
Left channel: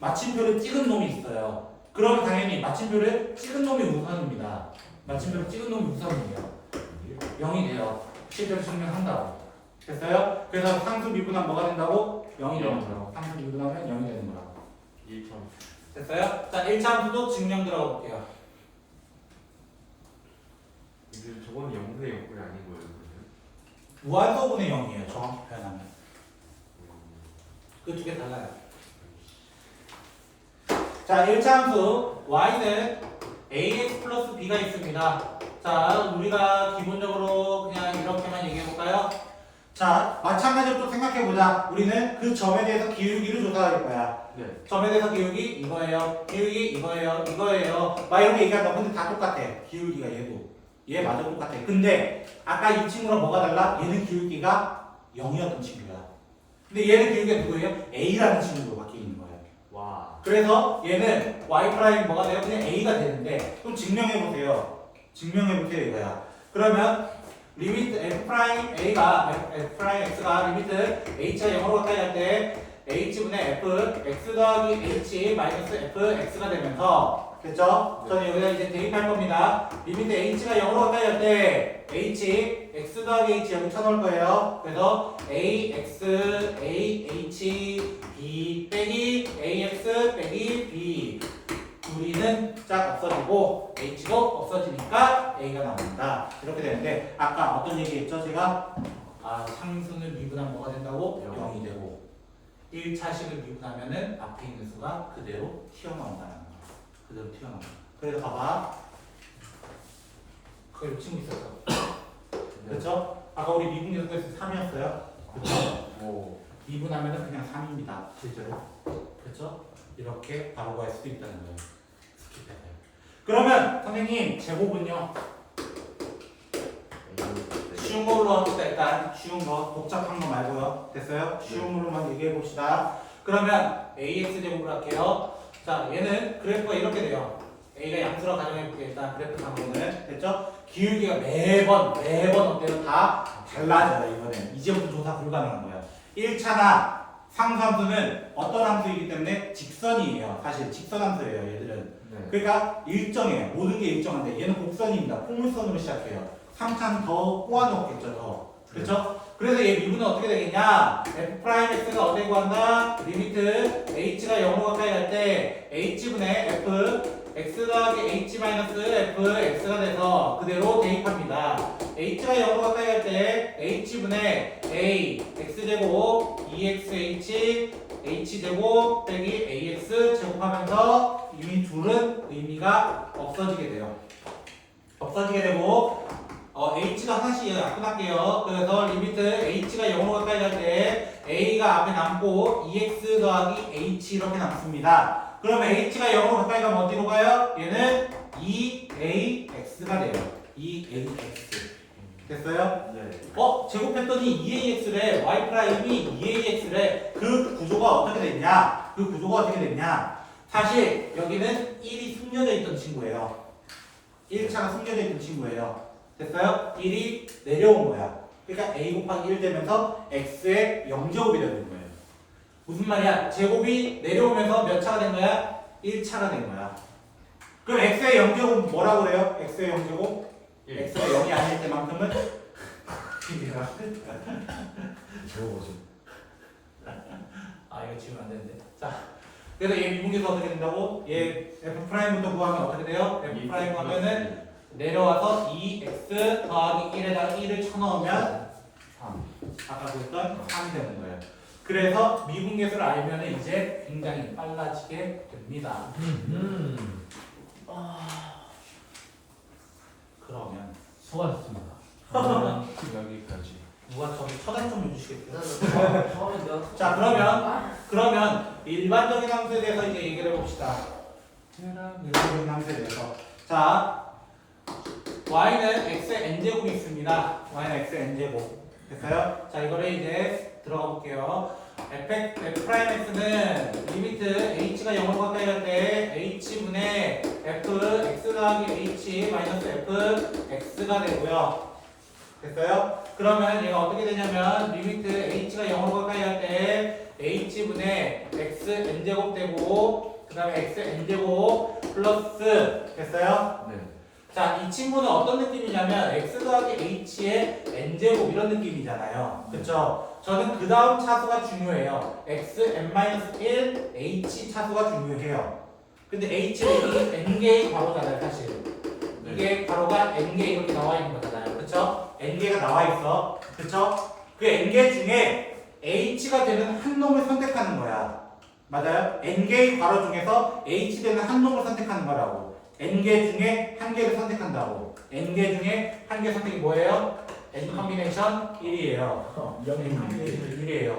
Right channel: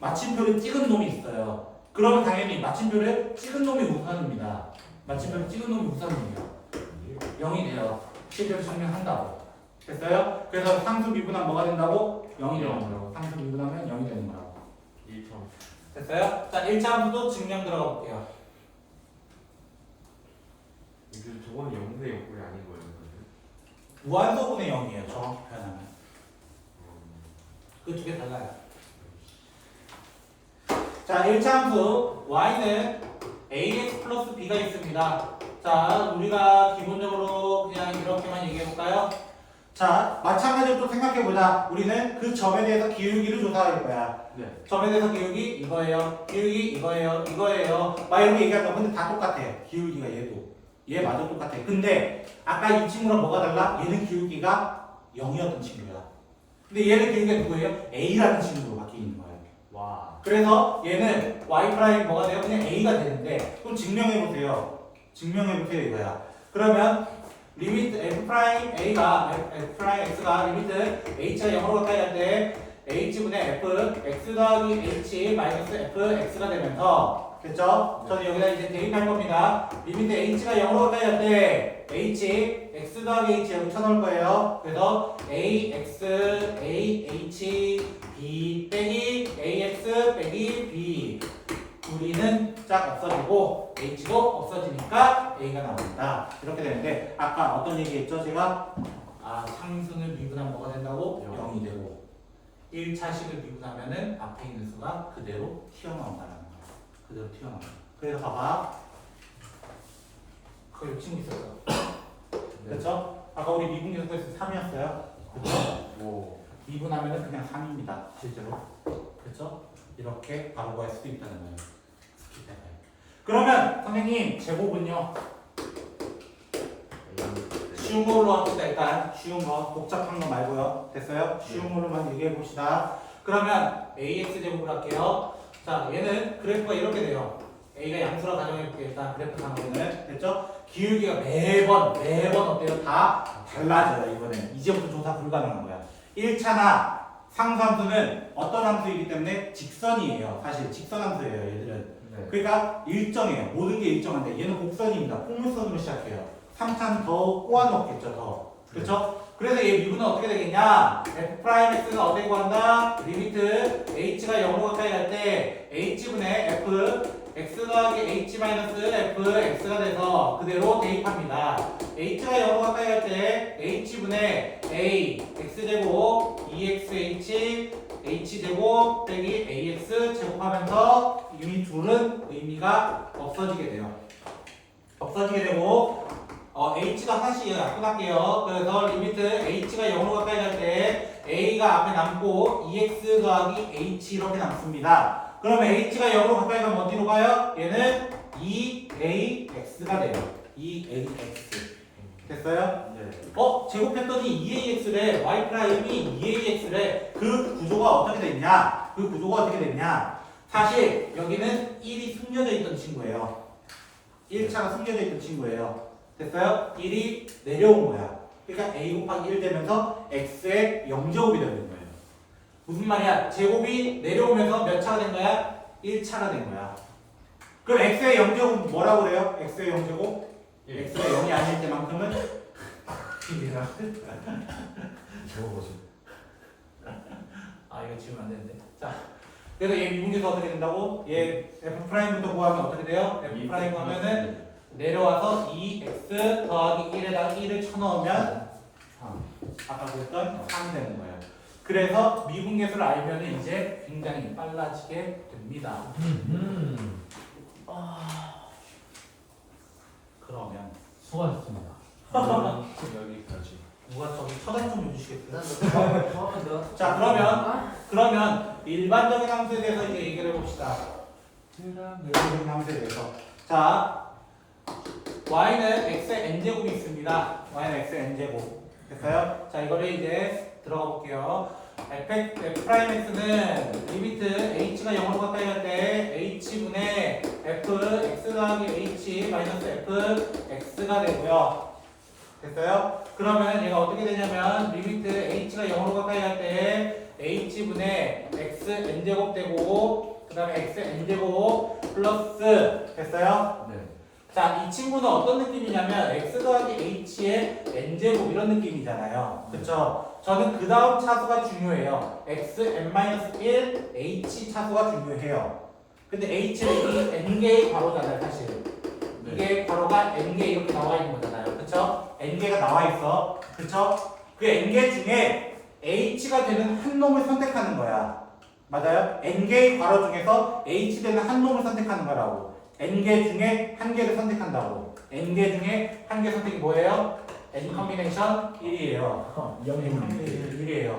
마침표를 찍은 놈이 있어요. 그러면 당연히 마침표를 찍은 놈이 우선입니다. 마침표를 찍은 놈이 우선이에요. 0이 돼요. 실제로 증명한다고. 됐어요? 그래서 상수 미분하면 뭐가 된다고? 0이 되는 거라고. 상수 미분하면 0이 되는 거라고. 1점. 됐어요? 자, 1차 함수도 증명 들어가 볼게요. 이제 저거는 0대 0꼴이 아닌 거예요. 무한소분의 0이에요. 정확히 표현하면. 그 두 개 달라요. 자, 1차 함수 y는 ax 플러스 b가 있습니다. 자, 우리가 기본적으로 그냥 이렇게만 얘기해볼까요? 자, 마찬가지로 또 생각해보자. 우리는 그 점에 대해서 기울기를 조사할 거야. 네. 점에 대해서 기울기 이거예요. 기울기 이거예요. 막 이렇게 얘기하자. 근데 다 똑같아. 기울기가 얘 마저 똑같아. 근데 아까 이 친구랑 뭐가 달라? 얘는 기울기가 0이었던 친구야. 근데 얘는 기울기가 누구예요? a라는 친구로 바뀌어 있는 거예요. 와. 그래서 얘는 y 프라임 뭐가 돼요? 그냥 a가 되는데 또 증명해 보세요. 증명해 보세요 이거야. 그러면 리미트 f 프라임 a가 f 프라임 x가 리미트 h가 0으로 가까이 할 때 h분의 f x 더하기 h 마이너스 f x가 되면서 됐죠? 저는 여기다 이제 대입할 겁니다. 리미트 h가 0으로 가까이 할 때 h x 더하기 h 여기 쳐놓을 거예요. 그래서 ax ah b 빼기 ax 빼기 b 우리는 짝 없어지고 h도 없어지니까 a가 나옵니다. 이렇게 되는데 아까 어떤 얘기했죠? 제가 상수는 미분하면 뭐가 된다고? 0이 되고 1차식을 미분하면은 앞에 있는 수가 그대로 튀어나온다는 거야. 그대로 튀어나온다. 그래서 봐봐. 그걸 친구 있었어. 그렇죠? 아까 우리 미분계수에서 3이었어요. 그렇죠? 오. 미분하면은 그냥 3입니다. 실제로. 그렇죠? 이렇게 바로 구할 수도 있다는 거예요. 스킵해봐요. 그러면 선생님 제곱은요? 쉬운 걸로 합시다. 일단 쉬운 거, 복잡한 거 말고요. 됐어요? 쉬운 걸로만 얘기해 봅시다. 그러면 ax 제곱을 할게요. 자, 얘는 그래프가 이렇게 돼요. a가 양수라 가정해 볼게요. 일단 그래프 상으로는 됐죠? 기울기가 매번 어때요? 다 달라져요. 이번엔 이제부터 조사 불가능한 거야. 1차나 상수함수는 어떤 함수이기 때문에 직선이에요. 사실 직선 함수예요. 얘들은. 네. 그러니까 일정해요. 모든 게 일정한데 얘는 곡선입니다. 포물선으로 시작해요. 3차는 더 꼬아놓겠죠. 더. 그렇죠? 그래서 얘 미분은 어떻게 되겠냐? f'x가 어떻게 구한다? 리미트 h가 0으로 가까이 갈 때 h분의 f x 더하기 h 마이너스 f x가 돼서 그대로 대입합니다. h가 0으로 가까이 갈 때 h분의 a x제곱 2xh h제곱 빼기 ax 제곱하면서 이 둘은 의미가 없어지게 돼요. 없어지게 되고 h가 하나씩 약분할게요. 그래서 리미트 h가 0으로 가까이 갈 때 a가 앞에 남고 2x 더하기 h 이렇게 남습니다. 그러면 h가 0으로 가까이 가면 어디로 가요? 얘는 2ax가 돼요. 2ax 됐어요? 네. 제곱했더니 2ax래 y 프라임이 2ax래 그 구조가 어떻게 됐냐? 그 구조가 어떻게 됐냐? 사실 여기는 1이 숨겨져 있던 친구예요. 1차가 숨겨져 있던 친구예요. 됐어요? 1이 내려온 거야. 그러니까 a 곱하기 1 되면서 x의 0제곱이 되는 거예요. 무슨 말이야? 제곱이 내려오면서 몇 차가 된 거야? 1차가 된 거야. 그럼 x의 0제곱 뭐라고 그래요? x의 0제곱? x가 0이 아닐 때만큼은 1이라. 저거 이거 지우면 안 되는데. 자, 그래서 얘 미분계수 어떻게 된다고? 얘 f''부터 구하면 어떻게 돼요? f' 하면은 내려와서 2x 더하기 1에다가 1을 쳐넣으면 아까 그랬던 3이 되는 거예요. 그래서 미분계수를 알면 이제 굉장히 빨라지게 됩니다. 그러면 수고하셨습니다. 여기까지. 누가 저기 처단 좀 해주시겠어요? 처음에 내가 자, 그러면 일반적인 함수에 대해서 이제 얘기를 해봅시다. 일반적인 함수에 대해서. 자, y는 x의 n제곱이 있습니다. y는 x의 n제곱. 됐어요? 자, 이거를 이제 들어가 볼게요. f'x는 리미트 h가 0으로 가까이 갈 때 h분의 f x 더하기 h 마이너스 f x가 되고요. 됐어요? 그러면 얘가 어떻게 되냐면 리미트 h가 0으로 가까이 갈 때 h분의 x n제곱 되고 그 다음에 x n제곱 플러스 됐어요? 네. 자, 이 친구는 어떤 느낌이냐면 x 더하기 h의 n제곱 이런 느낌이잖아요. 그쵸? 저는 그 다음 차수가 중요해요. x n-1 h 차수가 중요해요. 근데 h는 이 n개의 괄호잖아요, 사실. 이게 괄호가 n개 이렇게 나와 있는 거잖아요. 그쵸? n개가 나와 있어. 그쵸? 그 n개 중에 h가 되는 한 놈을 선택하는 거야. 맞아요? n개의 괄호 중에서 h 되는 한 놈을 선택하는 거라고. n개 중에 한 개를 선택한다고. n개 중에 한 개 선택이 뭐예요? n 컨비네이션 1이에요. n 컨비네이션 1이에요.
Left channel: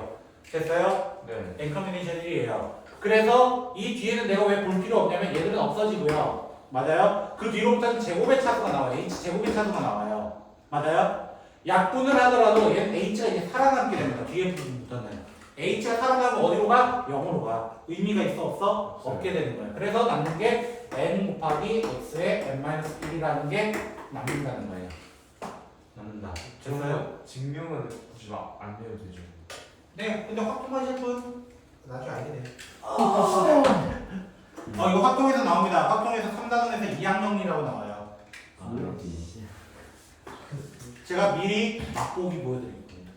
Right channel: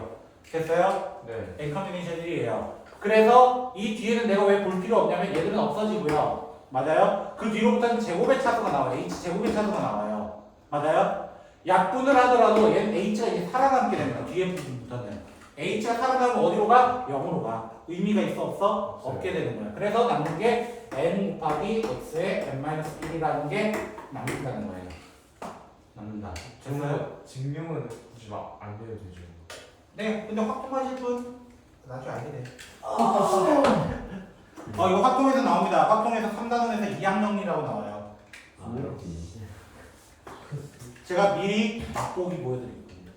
됐어요? 네. n 컨비네이션 1이에요. 그래서 이 뒤에는 내가 왜 볼 필요 없냐면 얘들은 없어지고요. 맞아요? 그 뒤로부터는 제곱의 차수가 나와요. h 제곱의 차수가 나와요. 맞아요? 약분을 하더라도 얘는 h가 이제 살아남게 됩니다. 뒤에 부분부터는. h가 살아나면 어디로 가? 0으로 가. 의미가 있어 없어? 없어요. 없게 되는 거예요. 그래서 남는 게 n 곱하기 x의 n-1이라는 게 남는다는 거예요. 남는다. 됐어요? 증명은 굳이 안 돼도 되죠. 네, 근데 확통하실 분 나중에 알게 돼. 이거 확통에서 나옵니다. 확통에서 3단원에서 이항정리라고 나와요. 아, 제가 미리 맛보기 보여드릴게요.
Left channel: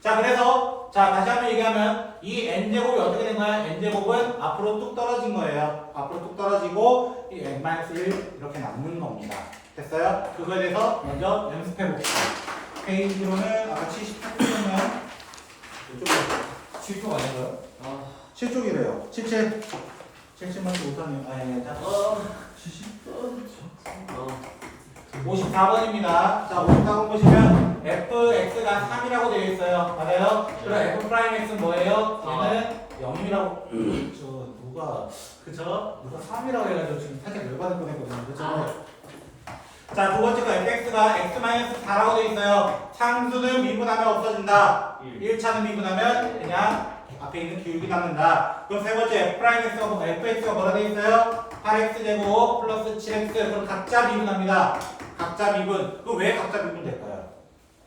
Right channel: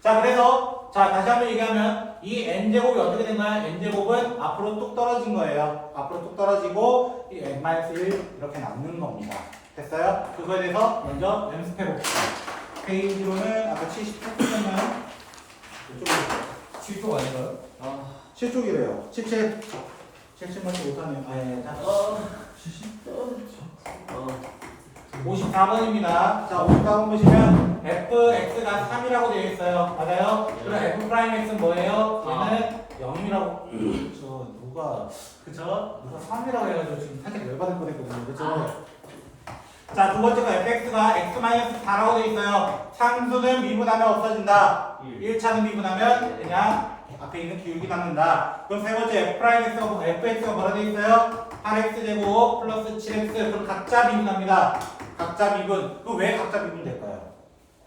자, 그래서 자 다시 한번 얘기하면 이 n제곱이 어떻게 된 거야? n제곱은 앞으로 뚝 떨어진 거예요. 앞으로 뚝 떨어지고 이 n-1 이렇게 남는 겁니다. 됐어요? 그거에 대해서 먼저 연습해 봅시다. 페이지로는 아까 78쪽이었나요? 이쪽으로 7초 아닌가요? 7쪽이래요. 77밖에 못하네요. 예, 자, 54번입니다. 자, 54번 보시면 fx가 3이라고 되어 있어요. 맞아요? 그럼 f'x는 뭐예요? 얘는 0이라고. 그쵸? 누가 3이라고 해가지고 지금 살짝 열받을 뻔했거든요. 그쵸? 자, 두 번째 거 fx가 x-4라고 되어 있어요. 상수는 미분하면 없어진다. 1차는 미분하면 그냥 앞에 있는 기울기 남는다. 그럼 세 번째 fx가 뭐라 되어 있어요? 8x제곱 플러스 7x. 그럼 각자 미분합니다. 각자 미분. 그럼 왜 각자 미분 될까요?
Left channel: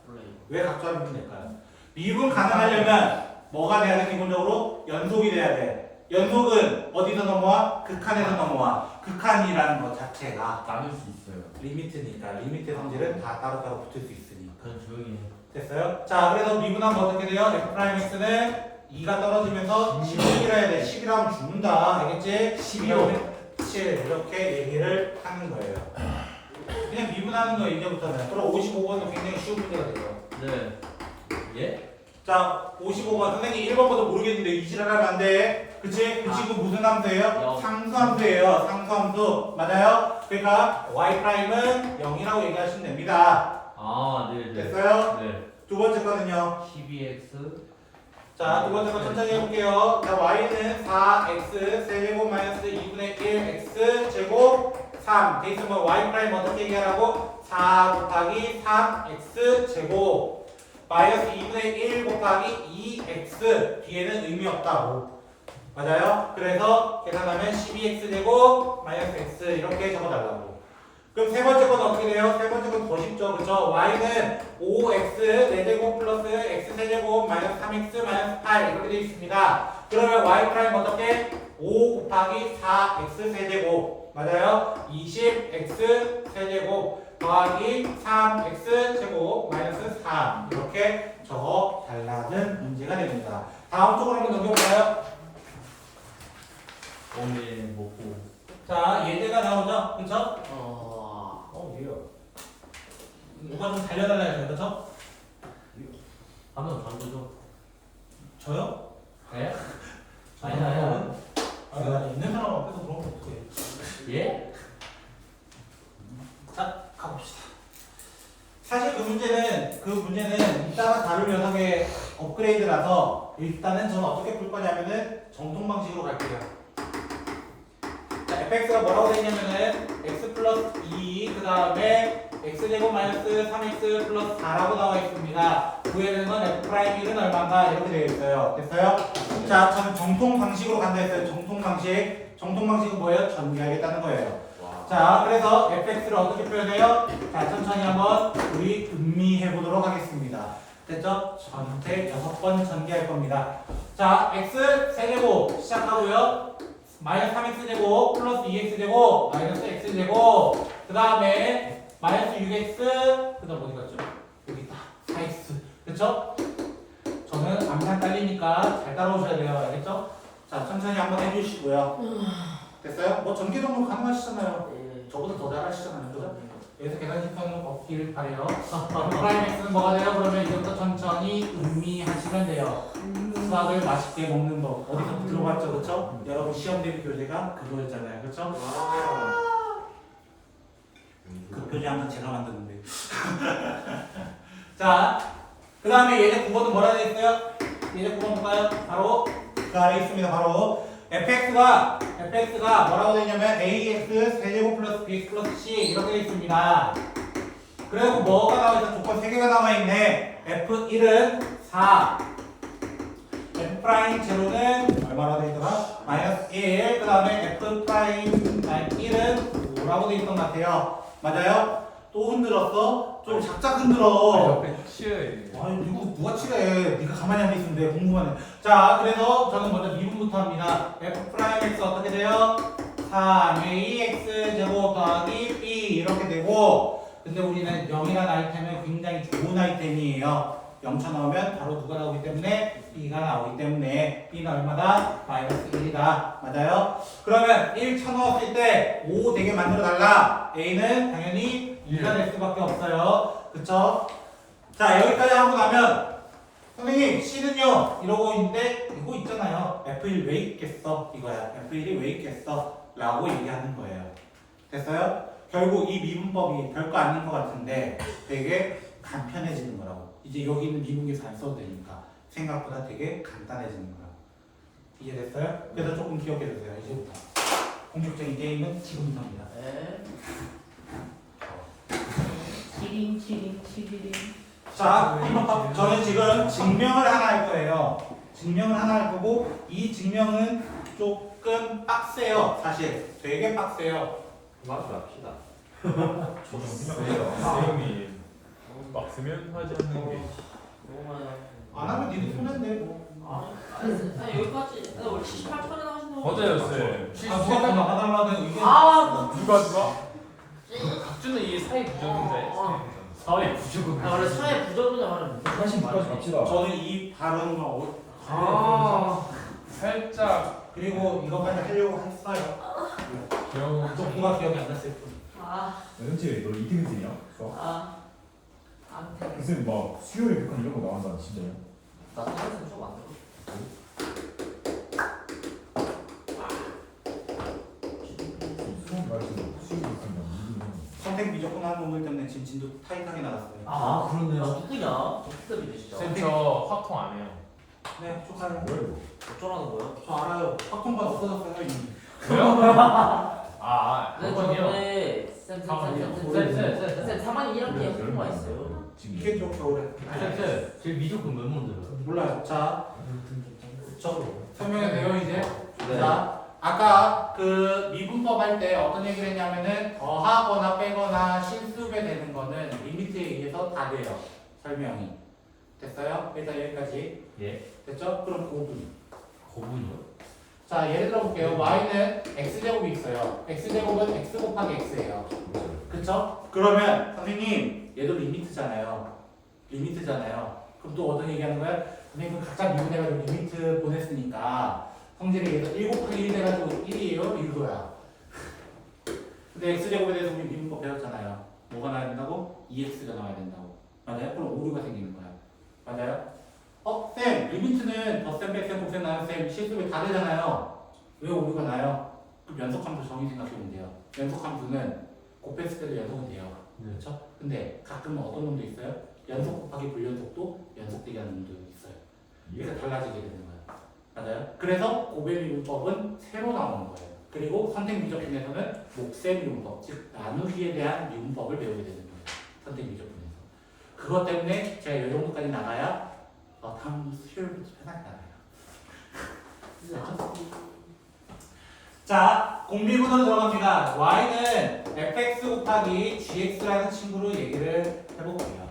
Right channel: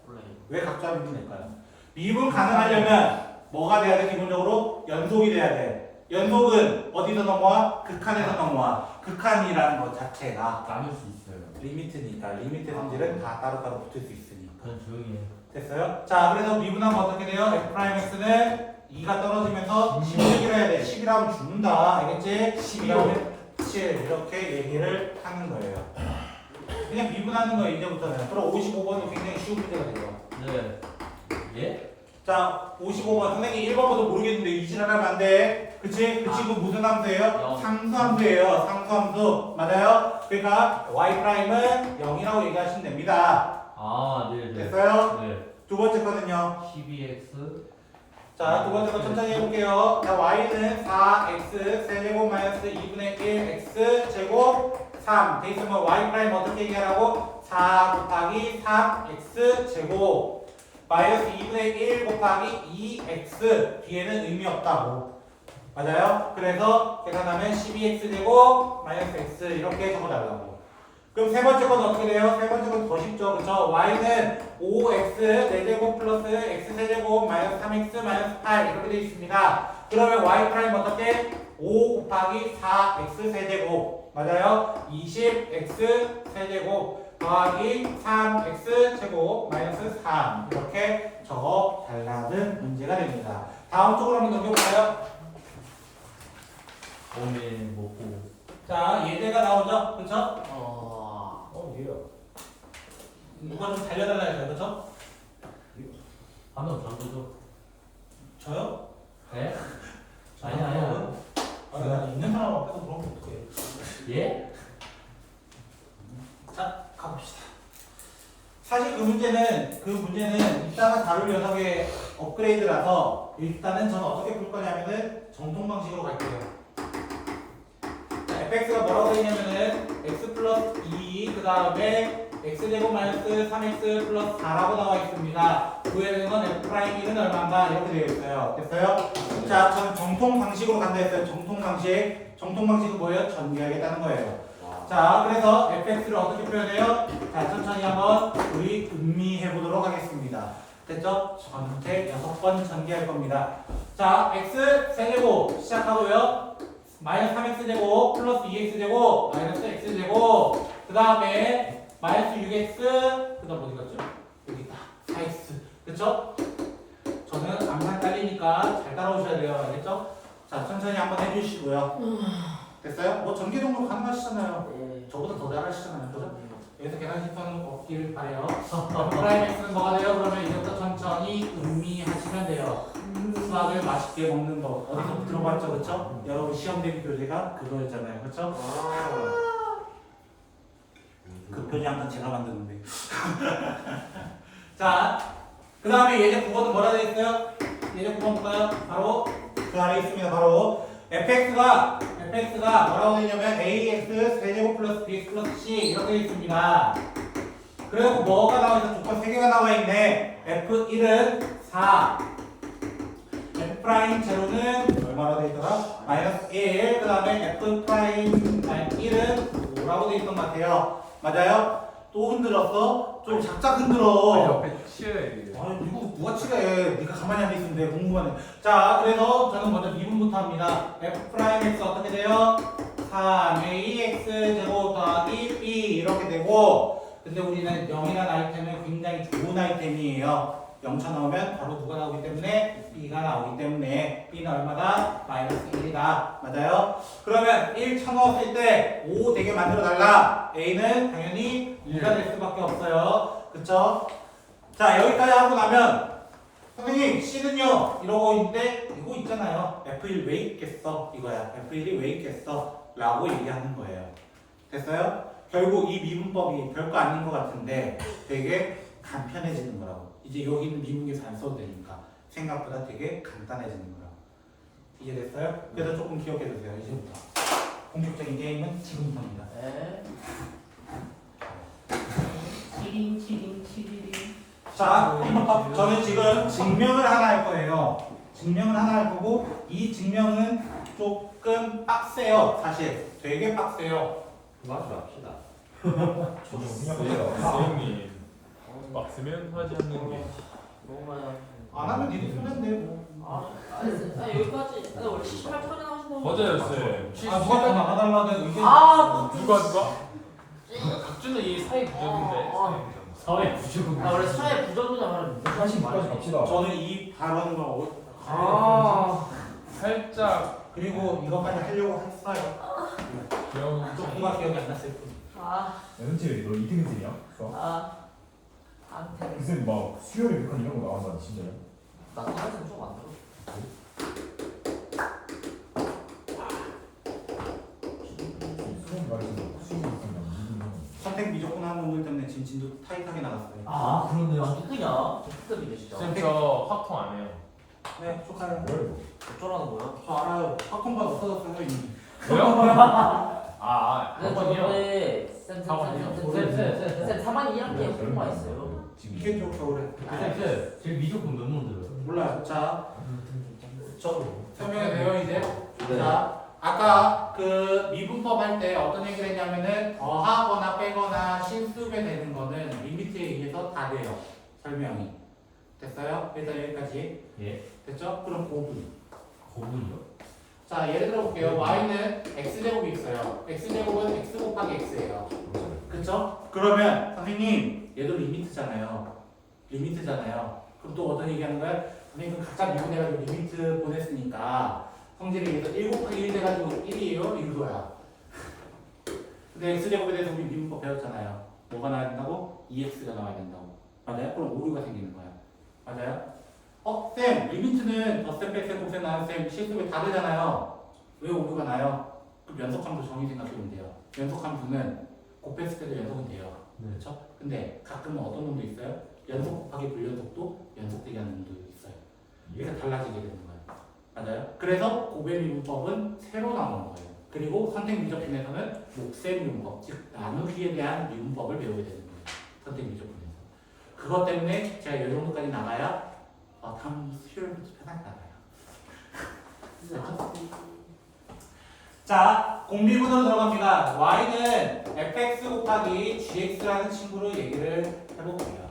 몰라요. 왜 각자 미분 될까요? 미분 가능하려면 뭐가 돼야 돼? 기본적으로 연속이 돼야 돼. 연속은 어디서 넘어와? 극한에서 넘어와. 극한이라는 것 자체가 나눌 수 있어요. 리미트니까. 리미트 성질은 다 따로따로 붙을 수 있으니까. 그냥 조용히 해. 됐어요? 자, 그래서 미분하면 어떻게 돼요? f'x는 2가 떨어지면서 11이라 해야 돼. 11하면 죽는다. 알겠지? 11하면 7 이렇게 얘기를 하는 거예요. 그냥 미분하는 거예요, 이제부터는. 그럼 55번도 굉장히 쉬운 문제가 돼요. 네. 예? 자, 55번. 선생님 1번부터 모르겠는데 이 지랄하면 안 돼. 그치? 그 친구 무슨 함수예요? 상수함수예요. 상수함수. 맞아요? 그러니까 y'은 0이라고 얘기하시면 됩니다. 아, 네, 네. 됐어요? 네. 두 번째 거는요. 12x. 자, 두 번째 거 천천히 해볼게요. 자, y는 4x 세제곱 마이너스 2분의 1 x 제곱 3. 돼 있으면 y 프라임 어떻게 얘기하라고? 4 곱하기 3x 제곱 마이너스 2분의 1 곱하기 2x. 뒤에는 의미 없다고. 맞아요? 그래서 계산하면 12x 제곱 마이너스 x 이렇게 적어달라고. 그럼 세 번째 건 어떻게 돼요? 세 번째 건 더 쉽죠. 그쵸? y는 5x 4제곱 플러스 x 세제곱 마이너스 3x 마이너스 8 이렇게 되어 있습니다. 그러면 y 프라임 어떻게? 5 곱하기 4x 세제곱 맞아요? 20x 세제곱 더하기 3x 제곱 마이너스 3 이렇게 적어 달라는 문제가 됩니다. 다음 쪽으로 한번 넘겨볼까요? 오늘 먹고. 자, 예제가 나오죠? 그쵸? 뭐야? 누가 좀 달려달라 해요, 그쵸? 한번 던져줘. 저요? 네? 아니, 아니야. 아니, 나 있는 사람 앞에서 그러면 어떡해. 예? 자, 가봅시다. 사실 그 문제는 이따가 다룰 녀석의 업그레이드라서 일단은 저는 어떻게 풀 거냐면은 정통 방식으로 갈게요. 자, fx가 뭐라고 되냐면은 x 플러스 2, 그 다음에 x제곱 마이너스 3x 플러스 4라고 나와 있습니다. 구해내는 건 f'1은 얼마인가 이렇게 되어 있어요. 됐어요? 자, 저는 정통 방식으로 간다 했어요. 정통 방식. 정통 방식은 뭐예요? 전개하겠다는 거예요. 자, 그래서 fx를 어떻게 표현해요? 자, 천천히 한번 우리 음미해 보도록 하겠습니다. 됐죠? 전체 6번 전개할 겁니다. 자, x 세제곱 시작하고요. 마이너스 3x제곱 플러스 2x제곱 마이너스 x제곱 그 다음에 마이너스 6x 그 다음 어디 갔죠? 여기 있다. 4x 그쵸? 저는 암산 딸리니까 잘 따라오셔야 돼요. 알겠죠? 자, 천천히 한번 해주시고요. 됐어요? 뭐 전개 정도 가능하시잖아요. 네. 저보다 더 잘하시잖아요. 그죠? 여기서 계산 시판은 없길 바래요. 프라임 x는 뭐가 돼요? 그러면 이제부터 천천히 음미하시면 돼요. 수학을 맛있게 먹는 법. 어디서 들어봤죠? 그쵸? 여러분 시험 대비 교재가 그거였잖아요. 그쵸? 그 표지 항상 제가 만드는데. 자, 그 다음에 예제 9번은 뭐라 되어 있어요? 예제 9번 볼까요? 바로 그 아래 있습니다. 바로 fx가 뭐라고 되냐면 ax 세제곱 플러스 bx 플러스 c 이렇게 되어 있습니다. 그리고 뭐가 나와 있어? 조건 3개가 나와 있네. f1은 4, F' 제로는 얼마로 돼 있더라? 마이너스 1. 그 다음에 F' 1은 5라고 돼 있던 것 같아요. 맞아요? 또 흔들었어? 좀 작작 흔들어. 옆에 치어에 아니 이거 누가 칠해? 네가 가만히 앉아 있으면 돼. 공부만 해. 자, 그래서 저는 먼저 미분부터 합니다. F'X 어떻게 돼요? 3AX 제곱 더하기 B 이렇게 되고, 근데 우리는 0이라는 아이템은 굉장히 좋은 아이템이에요. 0 쳐넣으면 바로 누가 나오기 때문에 B가 나오기 때문에 B는 얼마다? 마이너스 1이다. 맞아요? 그러면 1 쳐넣었을 때 5 되게 만들어 달라. A는 당연히 2가 될 수밖에 없어요. 그쵸? 자, 여기까지 하고 나면 선생님 C는요 이러고 있는데 이거 있잖아요. F1 왜 있겠어? 이거야. F1이 왜 있겠어? 라고 얘기하는 거예요. 됐어요? 결국 이 미분법이 별거 아닌 것 같은데 되게 간편해지는 거라고. 이제 여기 있는 미분계수 안 써도 되니까 생각보다 되게 간단해지는 거라고. 이해됐어요? 그래서 조금 기억해주세요. 이제부터 본격적인 게임은 지금부터입니다. 네. 치링. 자, 저는 지금 증명을 하나 할 거예요. 증명을 하나 할 거고, 이 증명은 조금 빡세요. 사실 되게 빡세요. 그만하지 맙시다. 선생님 막으면 하지 않는 게 너무 많이 안 하면 니네 쓰면 돼. 뭐. 아니 여기까지. 아니 원래 78분에 나오신다고. 맞아요 쌤. 아, 누가 더 나가달라는 의견. 누가 각주는 이 사이 부족인데 사회 부족은. 원래 사회 부정부자 말하면 사실 말하지 맙시다. 저는 이 발언과 살짝 그리고 이것까지 하려고 했어요. 귀여운 조금만 기억이 안 났을 뿐. 은지 너 이태근쌤이야? 안돼. 그쌤 막 수요일 백한 이런 거 나온다 진짜요? 나 사회에서 좀 만들어. 수요일 말에서 수요일 있으면 선택 미적분 하는 놈들 때문에 지금 진도 타이트하게 나갔어요. 그러네요. 누구냐? 독특이네 진짜. 저 화통 안 해요. 네, 축하해요. 왜? 어쩌라는 거야? 저 알아요. 학통반 없어졌어요 이미. 왜요? 네, 저 화통이요? 근데 쌤 3만 1학기에 그래, 통과 있어요. 지금 이게 좀 겨울에. 쌤, 제일 미적분 몇 문제요? 몰라요. 자, 저 설명해요 이제. 네. 자, 아까 그 미분법 할 때 어떤 얘기를 했냐면은 더하거나 빼거나 실수배 되는 거는 리미트에 의해서 다 돼요. 설명이. 됐어요? 일단 여기까지. 예. 됐죠? 그럼 고분. 고분이요? 자, 예를 들어 볼게요. y는 x제곱이 있어요. x제곱은 x 곱하기 x예요. 그쵸? 그러면 선생님 얘도 리미트잖아요. 리미트잖아요. 그럼 또 어떤 얘기하는 거야? 선생님 그 각자 미분해가지고 리미트 보냈으니까 성질에 의해서 1 곱하기 1 돼가지고 1이에요? 이거야. 근데 x제곱에 대해서 우리 미분법 배웠잖아요. 뭐가 나와야 된다고? 2x가 나와야 된다고. 맞아요? 그럼 오류가 생기는 거야. 맞아요? 쌤, 리미트는 덧셈, 뺄셈, 곱셈, 나눗셈, 실수배 다 되잖아요. 왜 오류가 나요? 그 연속함수 정의 생각해보면 돼요. 연속함수는 곱했을 때도 연속은 돼요. 네. 그렇죠? 근데 가끔은 어떤 놈도 있어요? 연속 곱하기 불연속도 연속되게 하는 놈도 있어요. 이게 달라지게 되는 거예요. 맞아요? 그래서 고배 미분법은 새로 나오는 거예요. 그리고 선택 미적분에서는 몫셈 미분법, 즉 나누기에 대한 미분법을 배우게 되는 거예요. 선택 미적분에서. 그것 때문에 제가 이 정도까지 나가야 다음 수요일부터 편하게 나가요. 자, 공비분으로 들어갑니다. y는 fx 곱하기 gx라는 친구로 얘기를 해볼게요.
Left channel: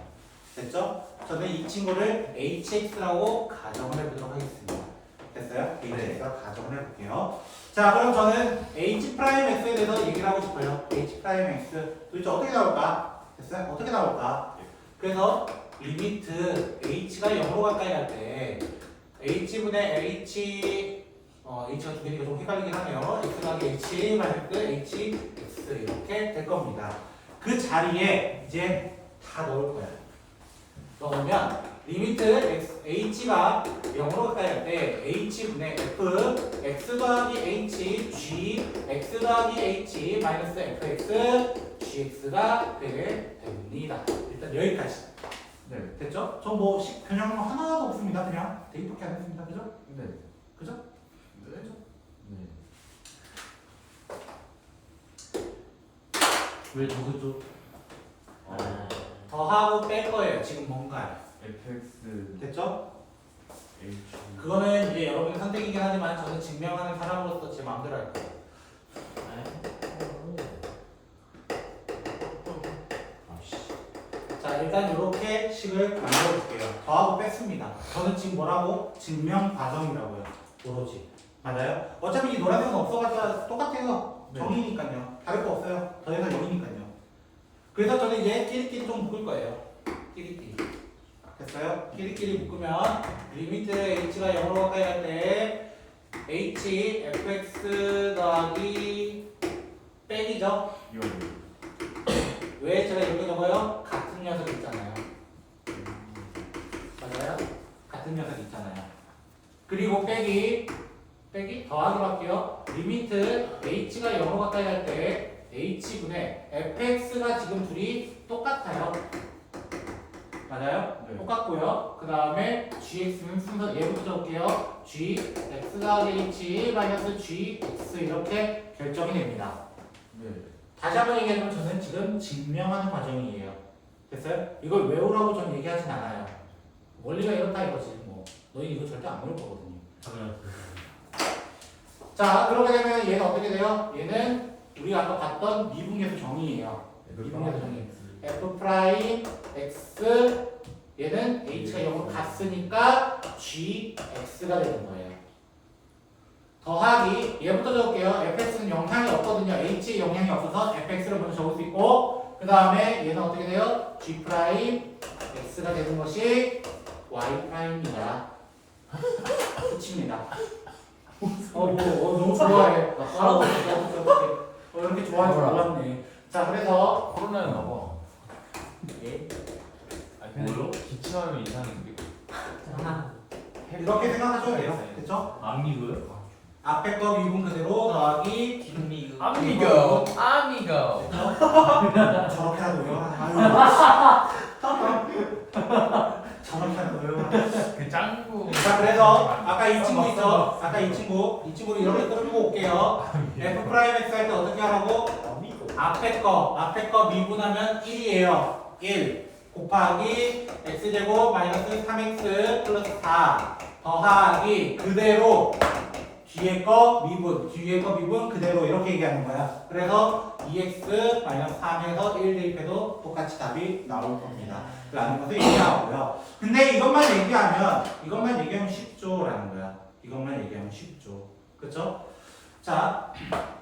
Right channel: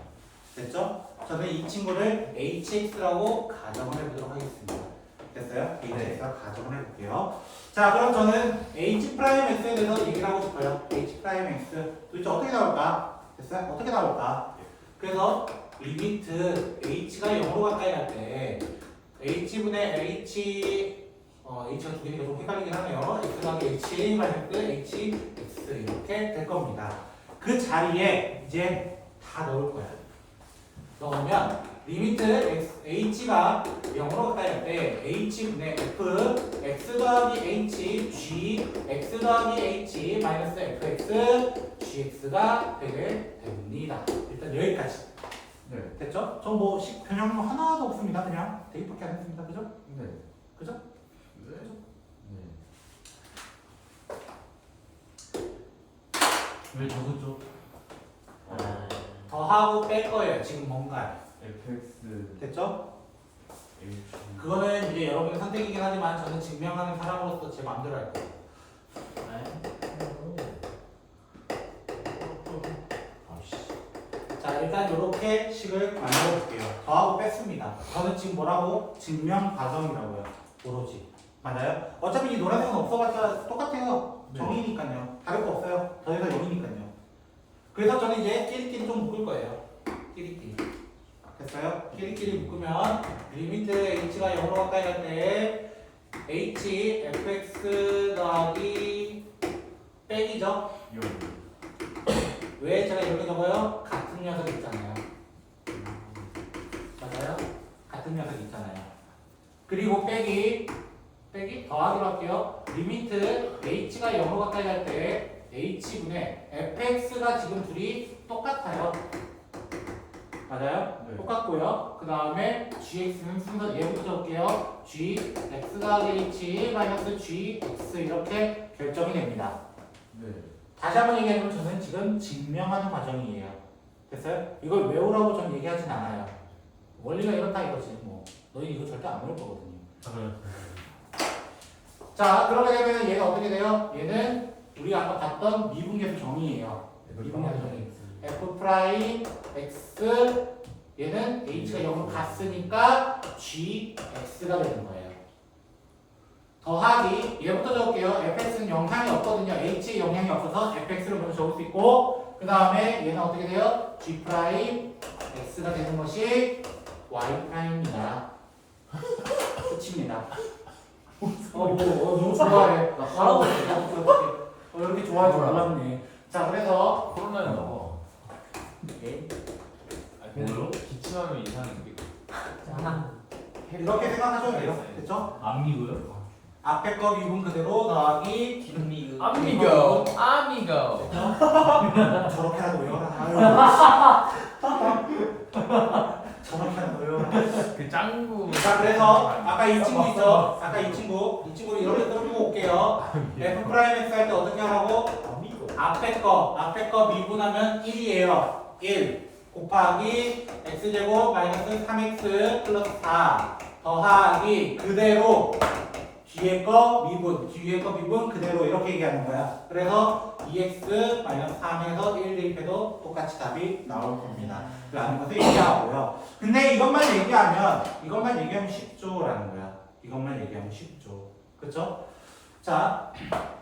됐죠? 저는 이 친구를 hx라고 가정을 해보도록 하겠습니다. 됐어요? hx라고 가정을 해볼게요. 자, 그럼 저는 h'x에 대해서 얘기를 하고 싶어요. h'x 도대체 어떻게 나올까? 됐어요? 어떻게 나올까? 그래서 리미트 h가 0으로 가까이 갈 때 h분의 h h가 두 개니까 좀 헷갈리긴 하네요. x 더하기 h 마이너스 hx 이렇게 될 겁니다. 그 자리에 이제 다 넣을 거야. 넣으면 리미트 h가 0으로 가까이 갈 때 h분의 f x 더하기 h g x 더하기 h 마이너스 fx gx가 되게 됩니다. 일단 여기까지. 네. 됐죠? 저 뭐 변형 하나도 없습니다. 그냥 대입밖에 안 했습니다. 그죠? 네. 그죠? 네. 네. 왜 저거죠? 더하고 뺄 거예요. 지금 뭔가요? fx 됐죠? 그거는 이제 여러분의 선택이긴 하지만 저는 증명하는 사람으로서 제 마음대로 할 거예요. 자, 일단 이렇게 식을 만들어 볼게요. 더하고 뺐습니다. 저는 지금 뭐라고? 증명 과정이라고요. 오로지. 맞아요? 어차피 이 노란색은 없어봤자 똑같아요. 정이니까요. 다를 거 없어요. 더해서 0이니까요. 그래서 저는 이제 끼리끼리 좀 묶을 거예요. 끼리끼리. 됐어요? 끼리끼리 묶으면 리미트 h가 0으로 가까이 갈 때 h fx 더하기 빼기죠? 이거 왜 제가 이렇게 적어요? 같은 녀석 있잖아요. 맞아요? 같은 녀석 있잖아요. 그리고 빼기 더하기로 할게요. 리미트 h가 0으로 가까이 갈 때 h분의 fx가 지금 둘이 똑같아요. 맞아요? 네. 똑같고요. 그 다음에 gx는 순서 얘부터 적을게요. g x 더하기 h 마이너스 g x 이렇게 결정이 됩니다. 네. 다시 한번 얘기하면 저는 지금 증명하는 과정이에요. 됐어요? 이걸 외우라고 저는 얘기하진 않아요. 원리가 이렇다 이거지. 뭐 너희 이거 절대 안 외울 거거든요. 자, 그렇게 되면 얘는 어떻게 돼요? 얘는 우리가 아까 봤던 미분계수 정의예요. 미분계수 정의. f 프라임 x 얘는 h가 0을 갔으니까 g x가 되는 거예요. 더하기 얘부터 적을게요. fx는 영향이 없거든요. h에 영향이 없어서 fx를 먼저 적을 수 있고 그 다음에 얘는 어떻게 돼요? g 프라임 x가 되는 것이 y 프라임입니다. 끝입니다. 너무 좋아해. 이렇게 좋아할 줄 몰랐네. 자, 그래서 코로나는 봐봐. 예. 뭐요? 기침하면 이상한 게. 이렇게 생각하셔도 돼요. 그쵸? 안 미고요? 앞에 거 미분 그대로 더하기 기름미분 아미고. 저렇게라도 외워라. 저렇게라도 외워라. 그 짱구. 자, 그래서 아까 이 친구 있죠? 아까 이 친구를 이렇게 끌고 올게요. f 프라임 x 할 때 어떻게 하라고? 앞에 거 미분하면 1이에요. 1 곱하기 x제곱 마이너스 3x 플러스 4 더하기 그대로 뒤에 거 미분 그대로 이렇게 얘기하는 거야. 그래서 2x 마이너스 3에서 1 대입해도 똑같이 답이 나올 겁니다. 라는 것을 얘기하고요. 근데 이것만 얘기하면 쉽죠라는 거야. 이것만 얘기하면 쉽죠. 그쵸? 자,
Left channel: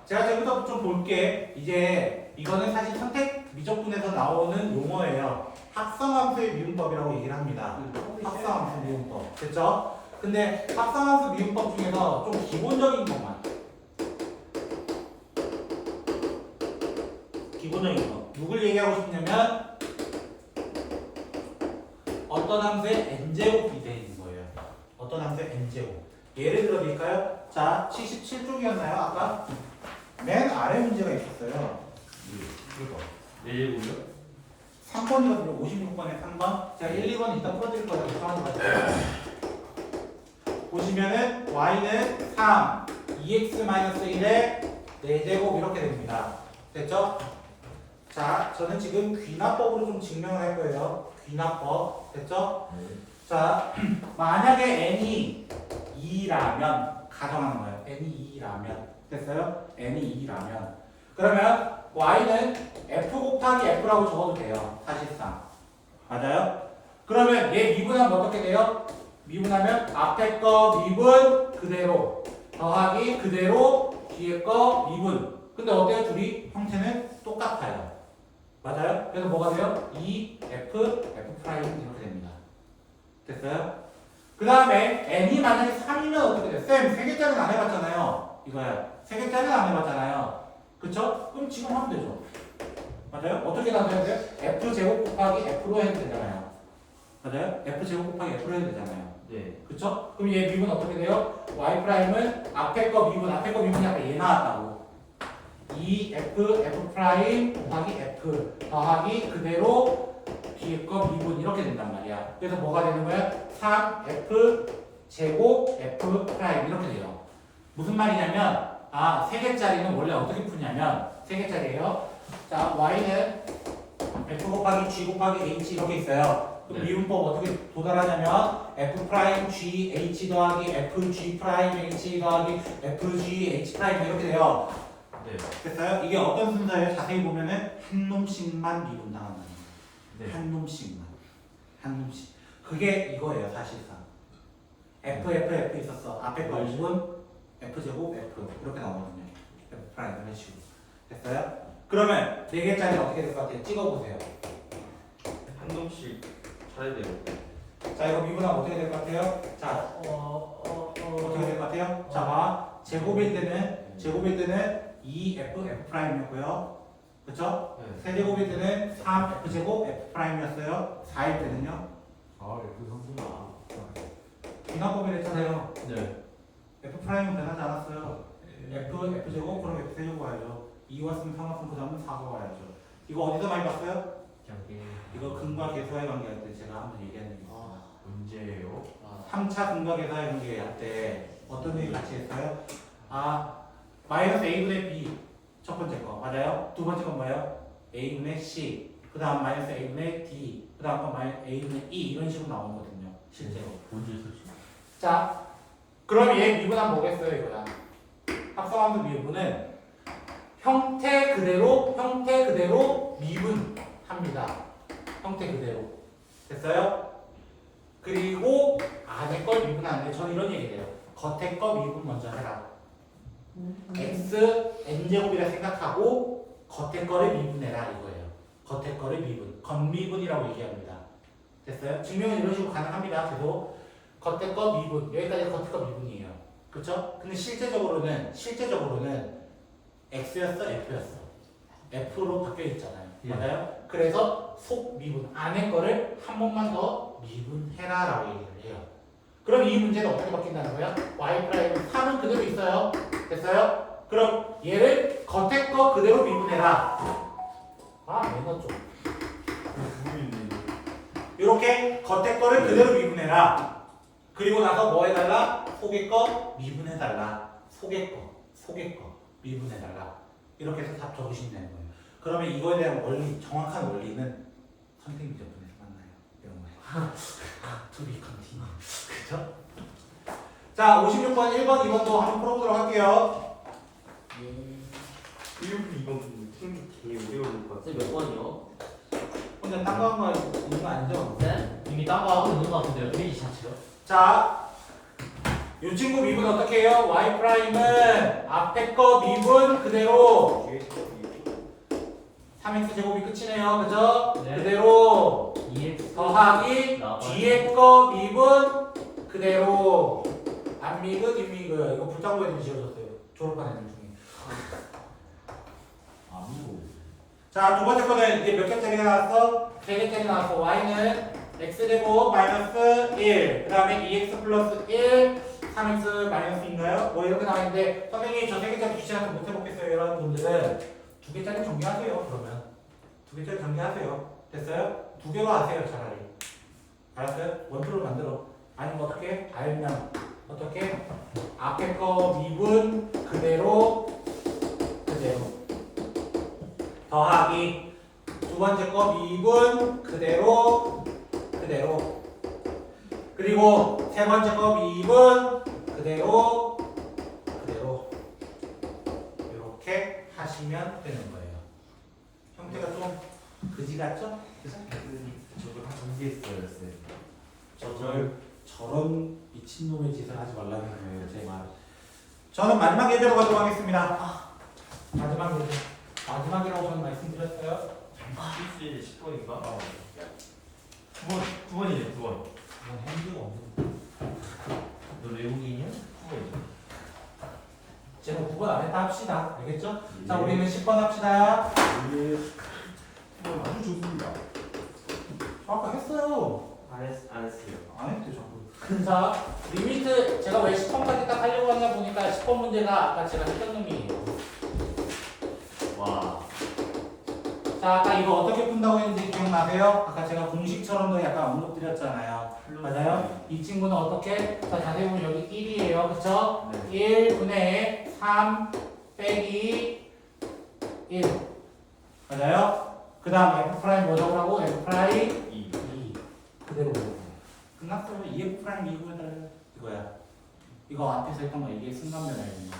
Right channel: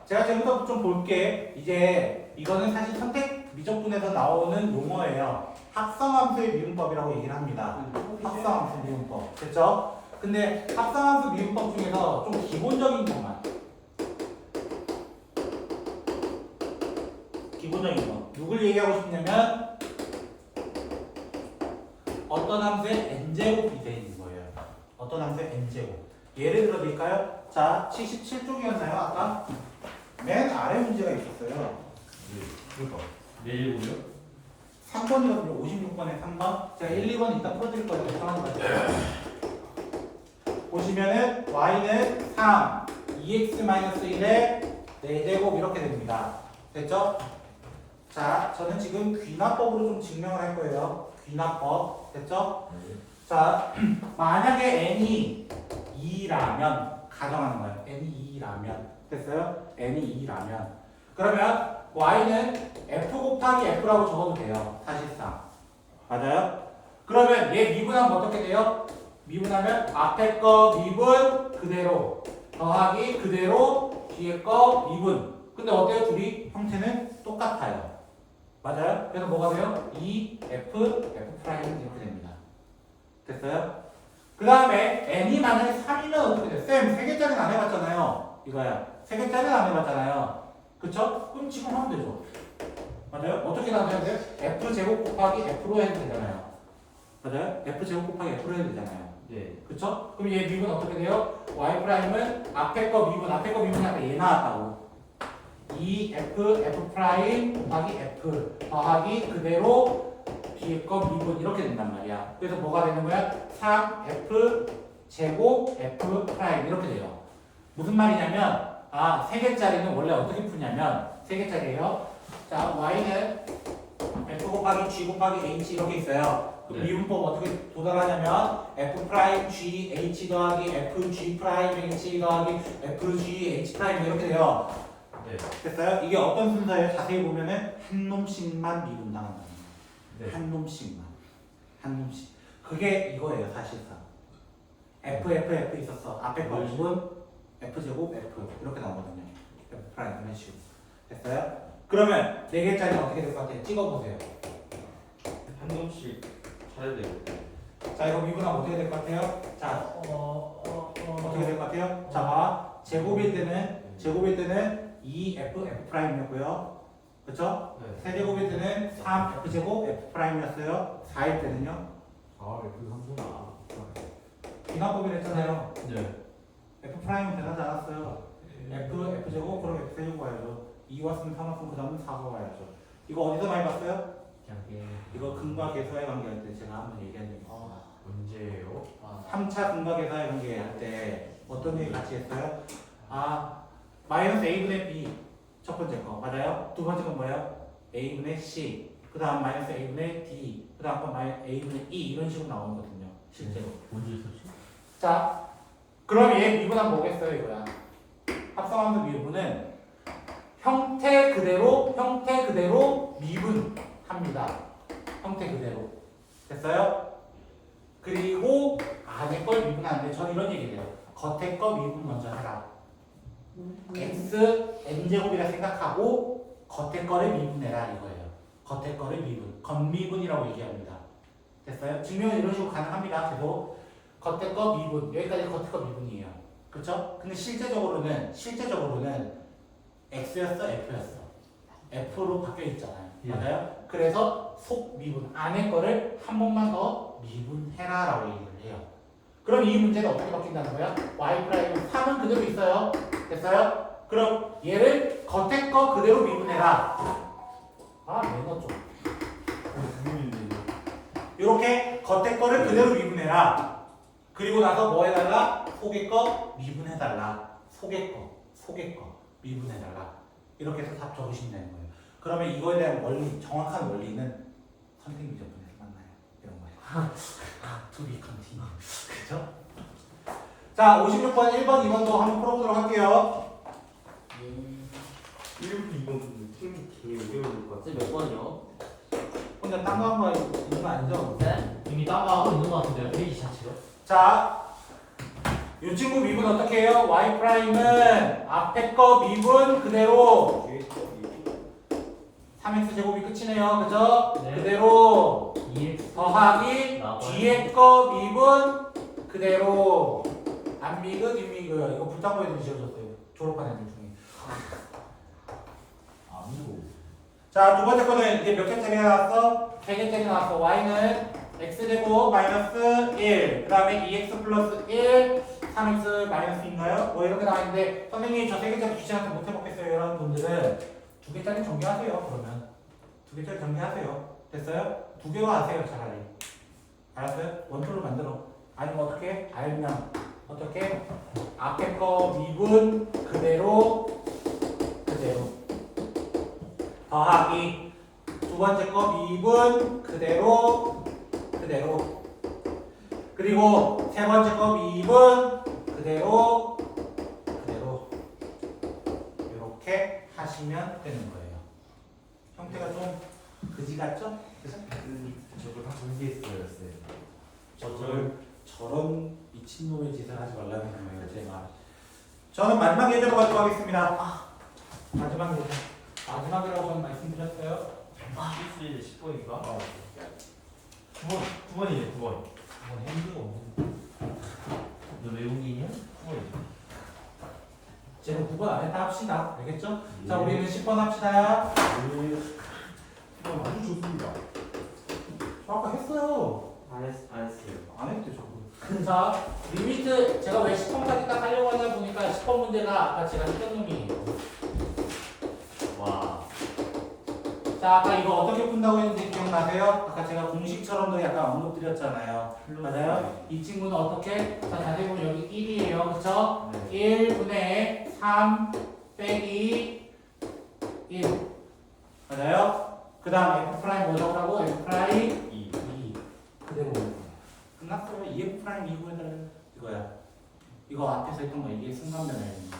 제가 지금부터 좀 볼게. 이제 이거는 사실 선택 미적분에서 나오는 용어예요. 합성함수의 미분법이라고 얘기를 합니다. 합성함수 미분법. 됐죠? 근데 합성함수 미분법 중에서 좀 기본적인 것만. 기본적인 거. 누굴 얘기하고 싶냐면 어떤 함수의 n제곱이 되는 거예요. 어떤 함수의 n제곱. 예를 들어 드릴까요? 자, 77쪽이었나요? 아까? 맨 아래 문제가 있었어요. 내일고요? 3번이거든요. 56번에 3번. 제가 1, 2번 이따 풀어드릴 거예요. 상황 맞아요. 보시면은 y는 3, 2x-1에 4제곱 이렇게 됩니다. 됐죠? 자, 저는 지금 귀납법으로 좀 증명을 할 거예요. 귀납법. 됐죠? 자, 만약에 n이 2라면 가정하는 거예요. n이 2라면. 됐어요? n이 2라면. 그러면 y는 f 곱하기 f라고 적어도 돼요. 사실상. 맞아요? 그러면 얘 미분하면 어떻게 돼요? 미분하면 앞에 거 미분 그대로 더하기 그대로 뒤에 거 미분. 근데 어때요? 둘이 형태는 똑같아요. 맞아요? 그래서 뭐가 돼요? 2f 프라임 이렇게 됩니다. 됐어요? 그 다음에 n이 만약에 3이면 어떻게 돼요? 쌤, 3개짜리는 안 해봤잖아요. 이거야. 3개짜리는 안 해봤잖아요. 그쵸? 그럼 지금 하면 되죠. 맞아요? 어떻게 나눠야 돼요? f제곱 곱하기 f로 해도 되잖아요. 맞아요? f제곱 곱하기 f로 해도 되잖아요. 예. 그쵸? 그럼 얘 미분 어떻게 돼요? y 프라임은 앞에 거 미분이 아까 얘 나왔다고. 2f 프라임 곱하기 f 더하기 그대로 뒤에 거 미분 이렇게 된단 말이야. 그래서 뭐가 되는 거야? 3f 제곱 f 프라임 이렇게 돼요. 무슨 말이냐면 3개짜리는 원래 어떻게 푸냐면 3개짜리예요. 자, y는 f 곱하기 g 곱하기 h 이렇게 있어요. 그럼 네. 미분법 어떻게 도달하냐면 f 프라임 g h 더하기 f g 프라임 h 더하기 f g h 프라임 이렇게 돼요. 네. 됐어요? 이게 어떤 순서예요? 자세히 보면은 한 놈씩만 미분당한다는 거예요. 네. 한 놈씩만. 한 놈씩. 그게 이거예요, 사실상. f 있었어. 앞에 거 2분 f 제곱 f 이렇게 나오거든요. f 프라임 이런 식으로. 됐어요? 그러면 4개짜리 어떻게 될 것 같아요? 찍어보세요. 한 놈씩 쳐야 돼요. 자, 이거 미분하면 어떻게 될 것 같아요? 자, 어떻게 될 것 같아요? 자, 봐. 제곱일 때는 2f 프라임이었고요. 그쵸? 네. 세제곱일 때는 3f 제곱 f 프라임이었어요. 4일 때는요. 아 F 상승아. 비나법이 됐잖아요. 네. f 프라임은 변하지 않았어요. f 제곱 그럼 f 세제곱 와야죠. 2 왔으면 3 왔으면 그 다음은 4가 와야죠. 이거 어디서 많이 봤어요? 이거 근과 계수와의 관계할 때 제가 한번 얘기한 적이 있어요. 문제예요. 3차 근과 계수와의 관계할 때 어떤 얘기 같이 했어요? 마이너스 a분의 b 첫 번째 거 맞아요? 두 번째 건 뭐예요? a분의 c 그 다음 마이너스 a분의 d 그 다음 건 마이너스 a분의 e 이런 식으로 나오는 거거든요 실제로. 문제 있었지? 자 그럼 얘 미분하면 뭐겠어요 이거야? 합성함수 미분은 형태 그대로 미분합니다. 형태 그대로. 됐어요? 그리고 안에 걸 미분하는데 저는 이런 얘기를 해요. 겉에 거 미분 먼저 해라. x n제곱이라 생각하고 겉에 거를 미분해라 이거예요. 겉에 거를 미분. 겉미분이라고 얘기합니다. 됐어요? 증명은 이런 식으로 가능합니다. 계속 겉에 거 미분. 여기까지 겉에 거 미분이에요. 그쵸? 근데 실제적으로는 x였어 f였어. f로 바뀌어 있잖아요. 예. 맞아요? 그래서 속 미분 안에 거를 한 번만 더 미분해라 라고 얘기를 해요. 그럼 이 문제는 어떻게 바뀐다는 거야? y 프라임 3은 그대로 있어요. 됐어요? 그럼 얘를 겉에 거 그대로 미분해라. 매너 좀. 이렇게 겉에 거를 그대로 미분해라. 그리고 나서 뭐 해달라? 속에 거 미분해달라. 속에 거 미분해달라. 이렇게 해서 답 적으시면 되는 거예요. 그러면 이거에 대한 원리, 정확한 원리는 선생님 저번에서 만나요. 이런 거예요. To be continued. 그죠? 자, 56번 1번 2번도 한번 풀어보도록 할게요. 1분 이건 풀기 되게 어려울 것 같아요. 몇 번이요? 혼자 딴 거 한 거 있는 거 아니죠? 네? 이미 딴거 하고 있는 것 같은데요. 페이지 자체요? 자, 이 친구 미분 어떻게 해요? y 프라임은 앞에 거 미분 그대로 뒤에 거 이거 3x 제곱이 끝이네요. 그죠? 네. 그대로 2x 더하기 나머지. 뒤에 거 미분 그대로 안미그 뒷미그 이거 불타고 애들이 지어줬어요. 졸업한 애들 중에. 자, 두 번째 거는 이제 몇 개짜리가 나왔어? 3개짜리 나왔어. y는 x제곱 마이너스 1, 그 다음에 2x 플러스 1, 3x 마이너스인가요? 뭐 이렇게 나와있는데 선생님이 저 3개짜리 귀찮아서 못 해먹겠어요 이런 분들은 2개짜리 정리하세요. 그러면 2개짜리 정리하세요. 됐어요? 2개로 하세요 차라리. 알았어요? 원툴로 만들어. 아니면 어떻게? 알면 어떻게? 앞에 거 미분 그대로 더하기 두 번째 거 미분 그대로 그리고 세 번째 거 미분 그대로 이렇게 하시면 되는 거예요. 형태가 좀 그지 같죠? 저도 한 정리했어요, 쌤. 저런 미친놈의 짓을 하지 말라는 거예요, 제 말. 저는 마지막 예제로 가도록 하겠습니다. 마지막 예제. 마지막이라고 저는 말씀드렸어요. 필수 10번인가? 9번이에요, 9번. 이건 핸드가 없는. 너 외국인이야? 9번이죠. 쟤는 9번 안 했다 합시다. 알겠죠? 자, 우리는 10번 합시다. 10번 아주 좋습니다. 저 아까 했어요. 안 했어요. 안 했대, 자꾸. 자, 리미트 제가 왜 10번까지 딱 하려고 하냐 보니까 10번 문제가 아까 제가 했던 놈이에요. 와. 자, 아까 이거 어떻게 푼다고 했는지 기억나세요? 아까 제가 공식처럼도 약간 언급드렸잖아요. 맞아요? 이 친구는 어떻게? 자, 자세히 보면 여기 1이에요. 그쵸? 네. 1분의 3 빼기 1. 맞아요? 그 다음 F 프라임 뭐 적으라고? F 프라임 2. 2. 그대로 끝났어요. EF 프라임 2 구해달래. 이거야. 이거 앞에서 했던 거 이게 순간변화였는 거.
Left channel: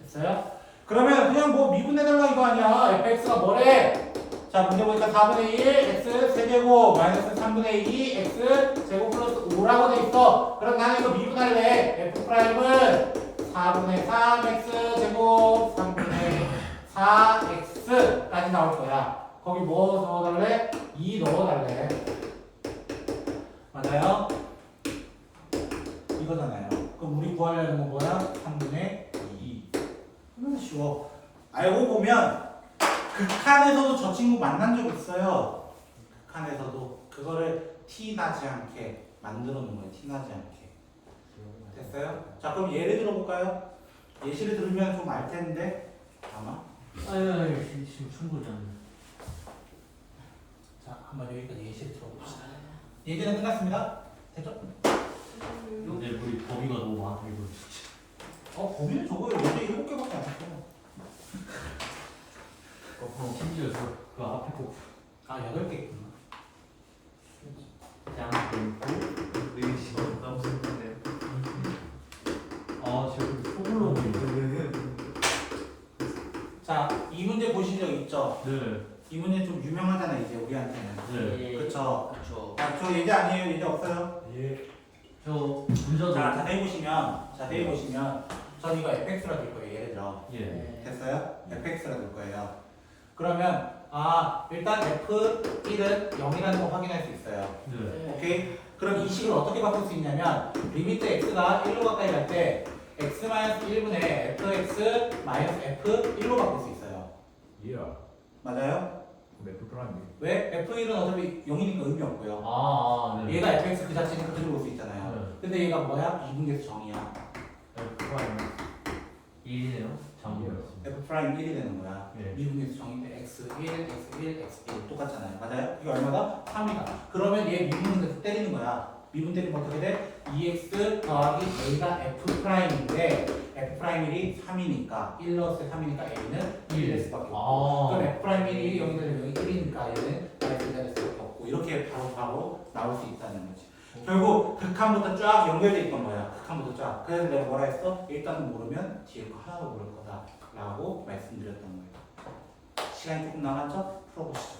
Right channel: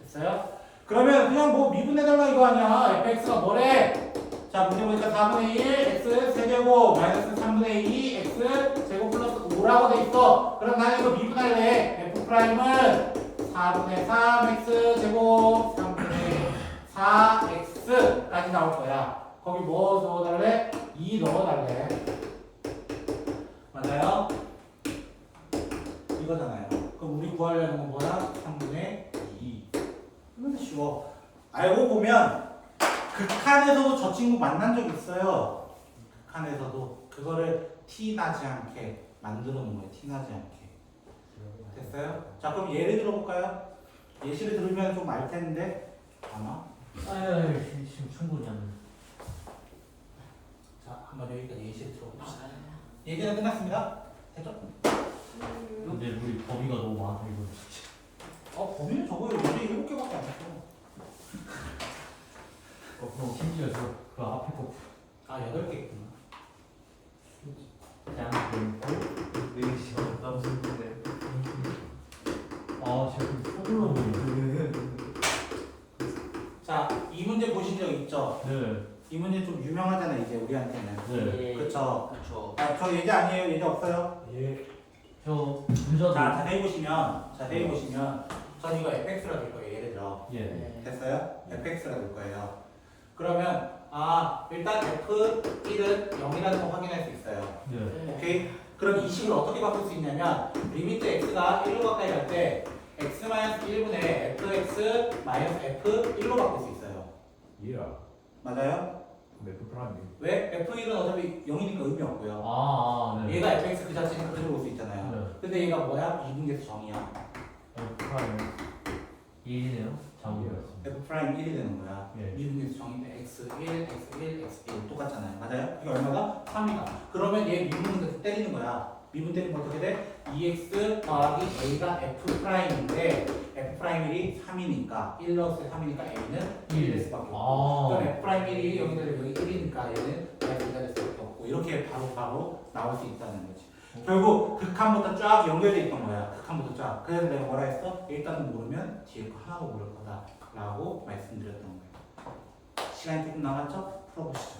됐어요? 그러면 그냥 뭐 미분해달라 이거 아니야. fx가 뭐래? 자 문제 보니까 4분의 1 x 세제곱 마이너스 3분의 2 x 제곱 플러스 5라고 돼 있어. 그럼 나는 이거 미분할래. f 프라임은 4분의 3 x 제곱 3분의 4 x까지 나올 거야. 거기 뭐 넣어달래? 2 넣어달래. 맞아요? 이거잖아요. 그럼 우리 구하려는 건 뭐야? 3분의 2. 얼마나 쉬워. 알고 보면 극한에서도 저 친구 만난 적 있어요. 극한에서도 그거를 티 나지 않게 만들어 놓은 거예요. 티 나지 않게. 됐어요? 자 그럼 예를 들어볼까요? 예시를 들으면 좀 알 텐데 아마. 아유 지금 충분히 안 돼. 자 한번 여기까지 예시를 들어봅시다. 얘기는 끝났습니다. 됐죠? 근데 우리 범위가 너무 많아 이거. 범위는 저거예요. 문제 7개밖에 안 했어. 그럼 심지어 그 앞에 거 아 8개 있구나. 그냥 그 네 시간 남았는데. 아 지금 속으로 자, 이 문제 보신 적 있죠? 네. 이 문제 좀 유명하잖아요, 이제 우리한테는. 네. 그쵸? 그쵸. 아, 저 예제 아니에요? 예제 없어요? 저 문자도 자, 자세히 보시면, 전 이거 fx라 될 거예요, 예를 들어. 예. 됐어요? fx라 될 거예요. 그러면, 일단 f1은 0이라는 거 확인할 수 있어요. 네. 오케이? 그럼 이 식을 어떻게 바꿀 수 있냐면, 리미트 x가 1로 가까이 갈 때, x-1분의 fx 마이너스 f1로 바꿀 수 있어요. 얘야. 맞아요? F 프라임. 왜? f1은 어차피 0이니까 의미 없고요. 네. 얘가 fx 그 자체니까 그대로 볼 수 있잖아요. 네. 근데 얘가 뭐야? 미분계수 정의야. F 프라임 1이네요. 정리였습니다. f 프라임 1이 되는 거야. 예. 미분계수 정의인데 x1, x1, x1 똑같잖아요. 맞아요? 이게 얼마다? 3이다. 그러면 얘 미분계수 때리는 거야. 미분 때리면 어떻게 돼? 2x 더하기 a가 f 프라임인데 f 프라임 1이 3이니까 1 넣었을 때 3이니까 a는 1이 될 수밖에 없고 그럼 f 프라임 1이 여기다 여기 1이니까 얘는 1이 될 수밖에 없고 이렇게 바로 나올 수 있다는 거지. 결국 극한부터 쫙 연결돼 있던 거야. 극한부터 쫙. 그래서 내가 뭐라 했어? 일단은 모르면 뒤에 거 하나도 모를 거다 라고 말씀드렸던 거예요. 시간이 조금 남았죠? 풀어보시죠.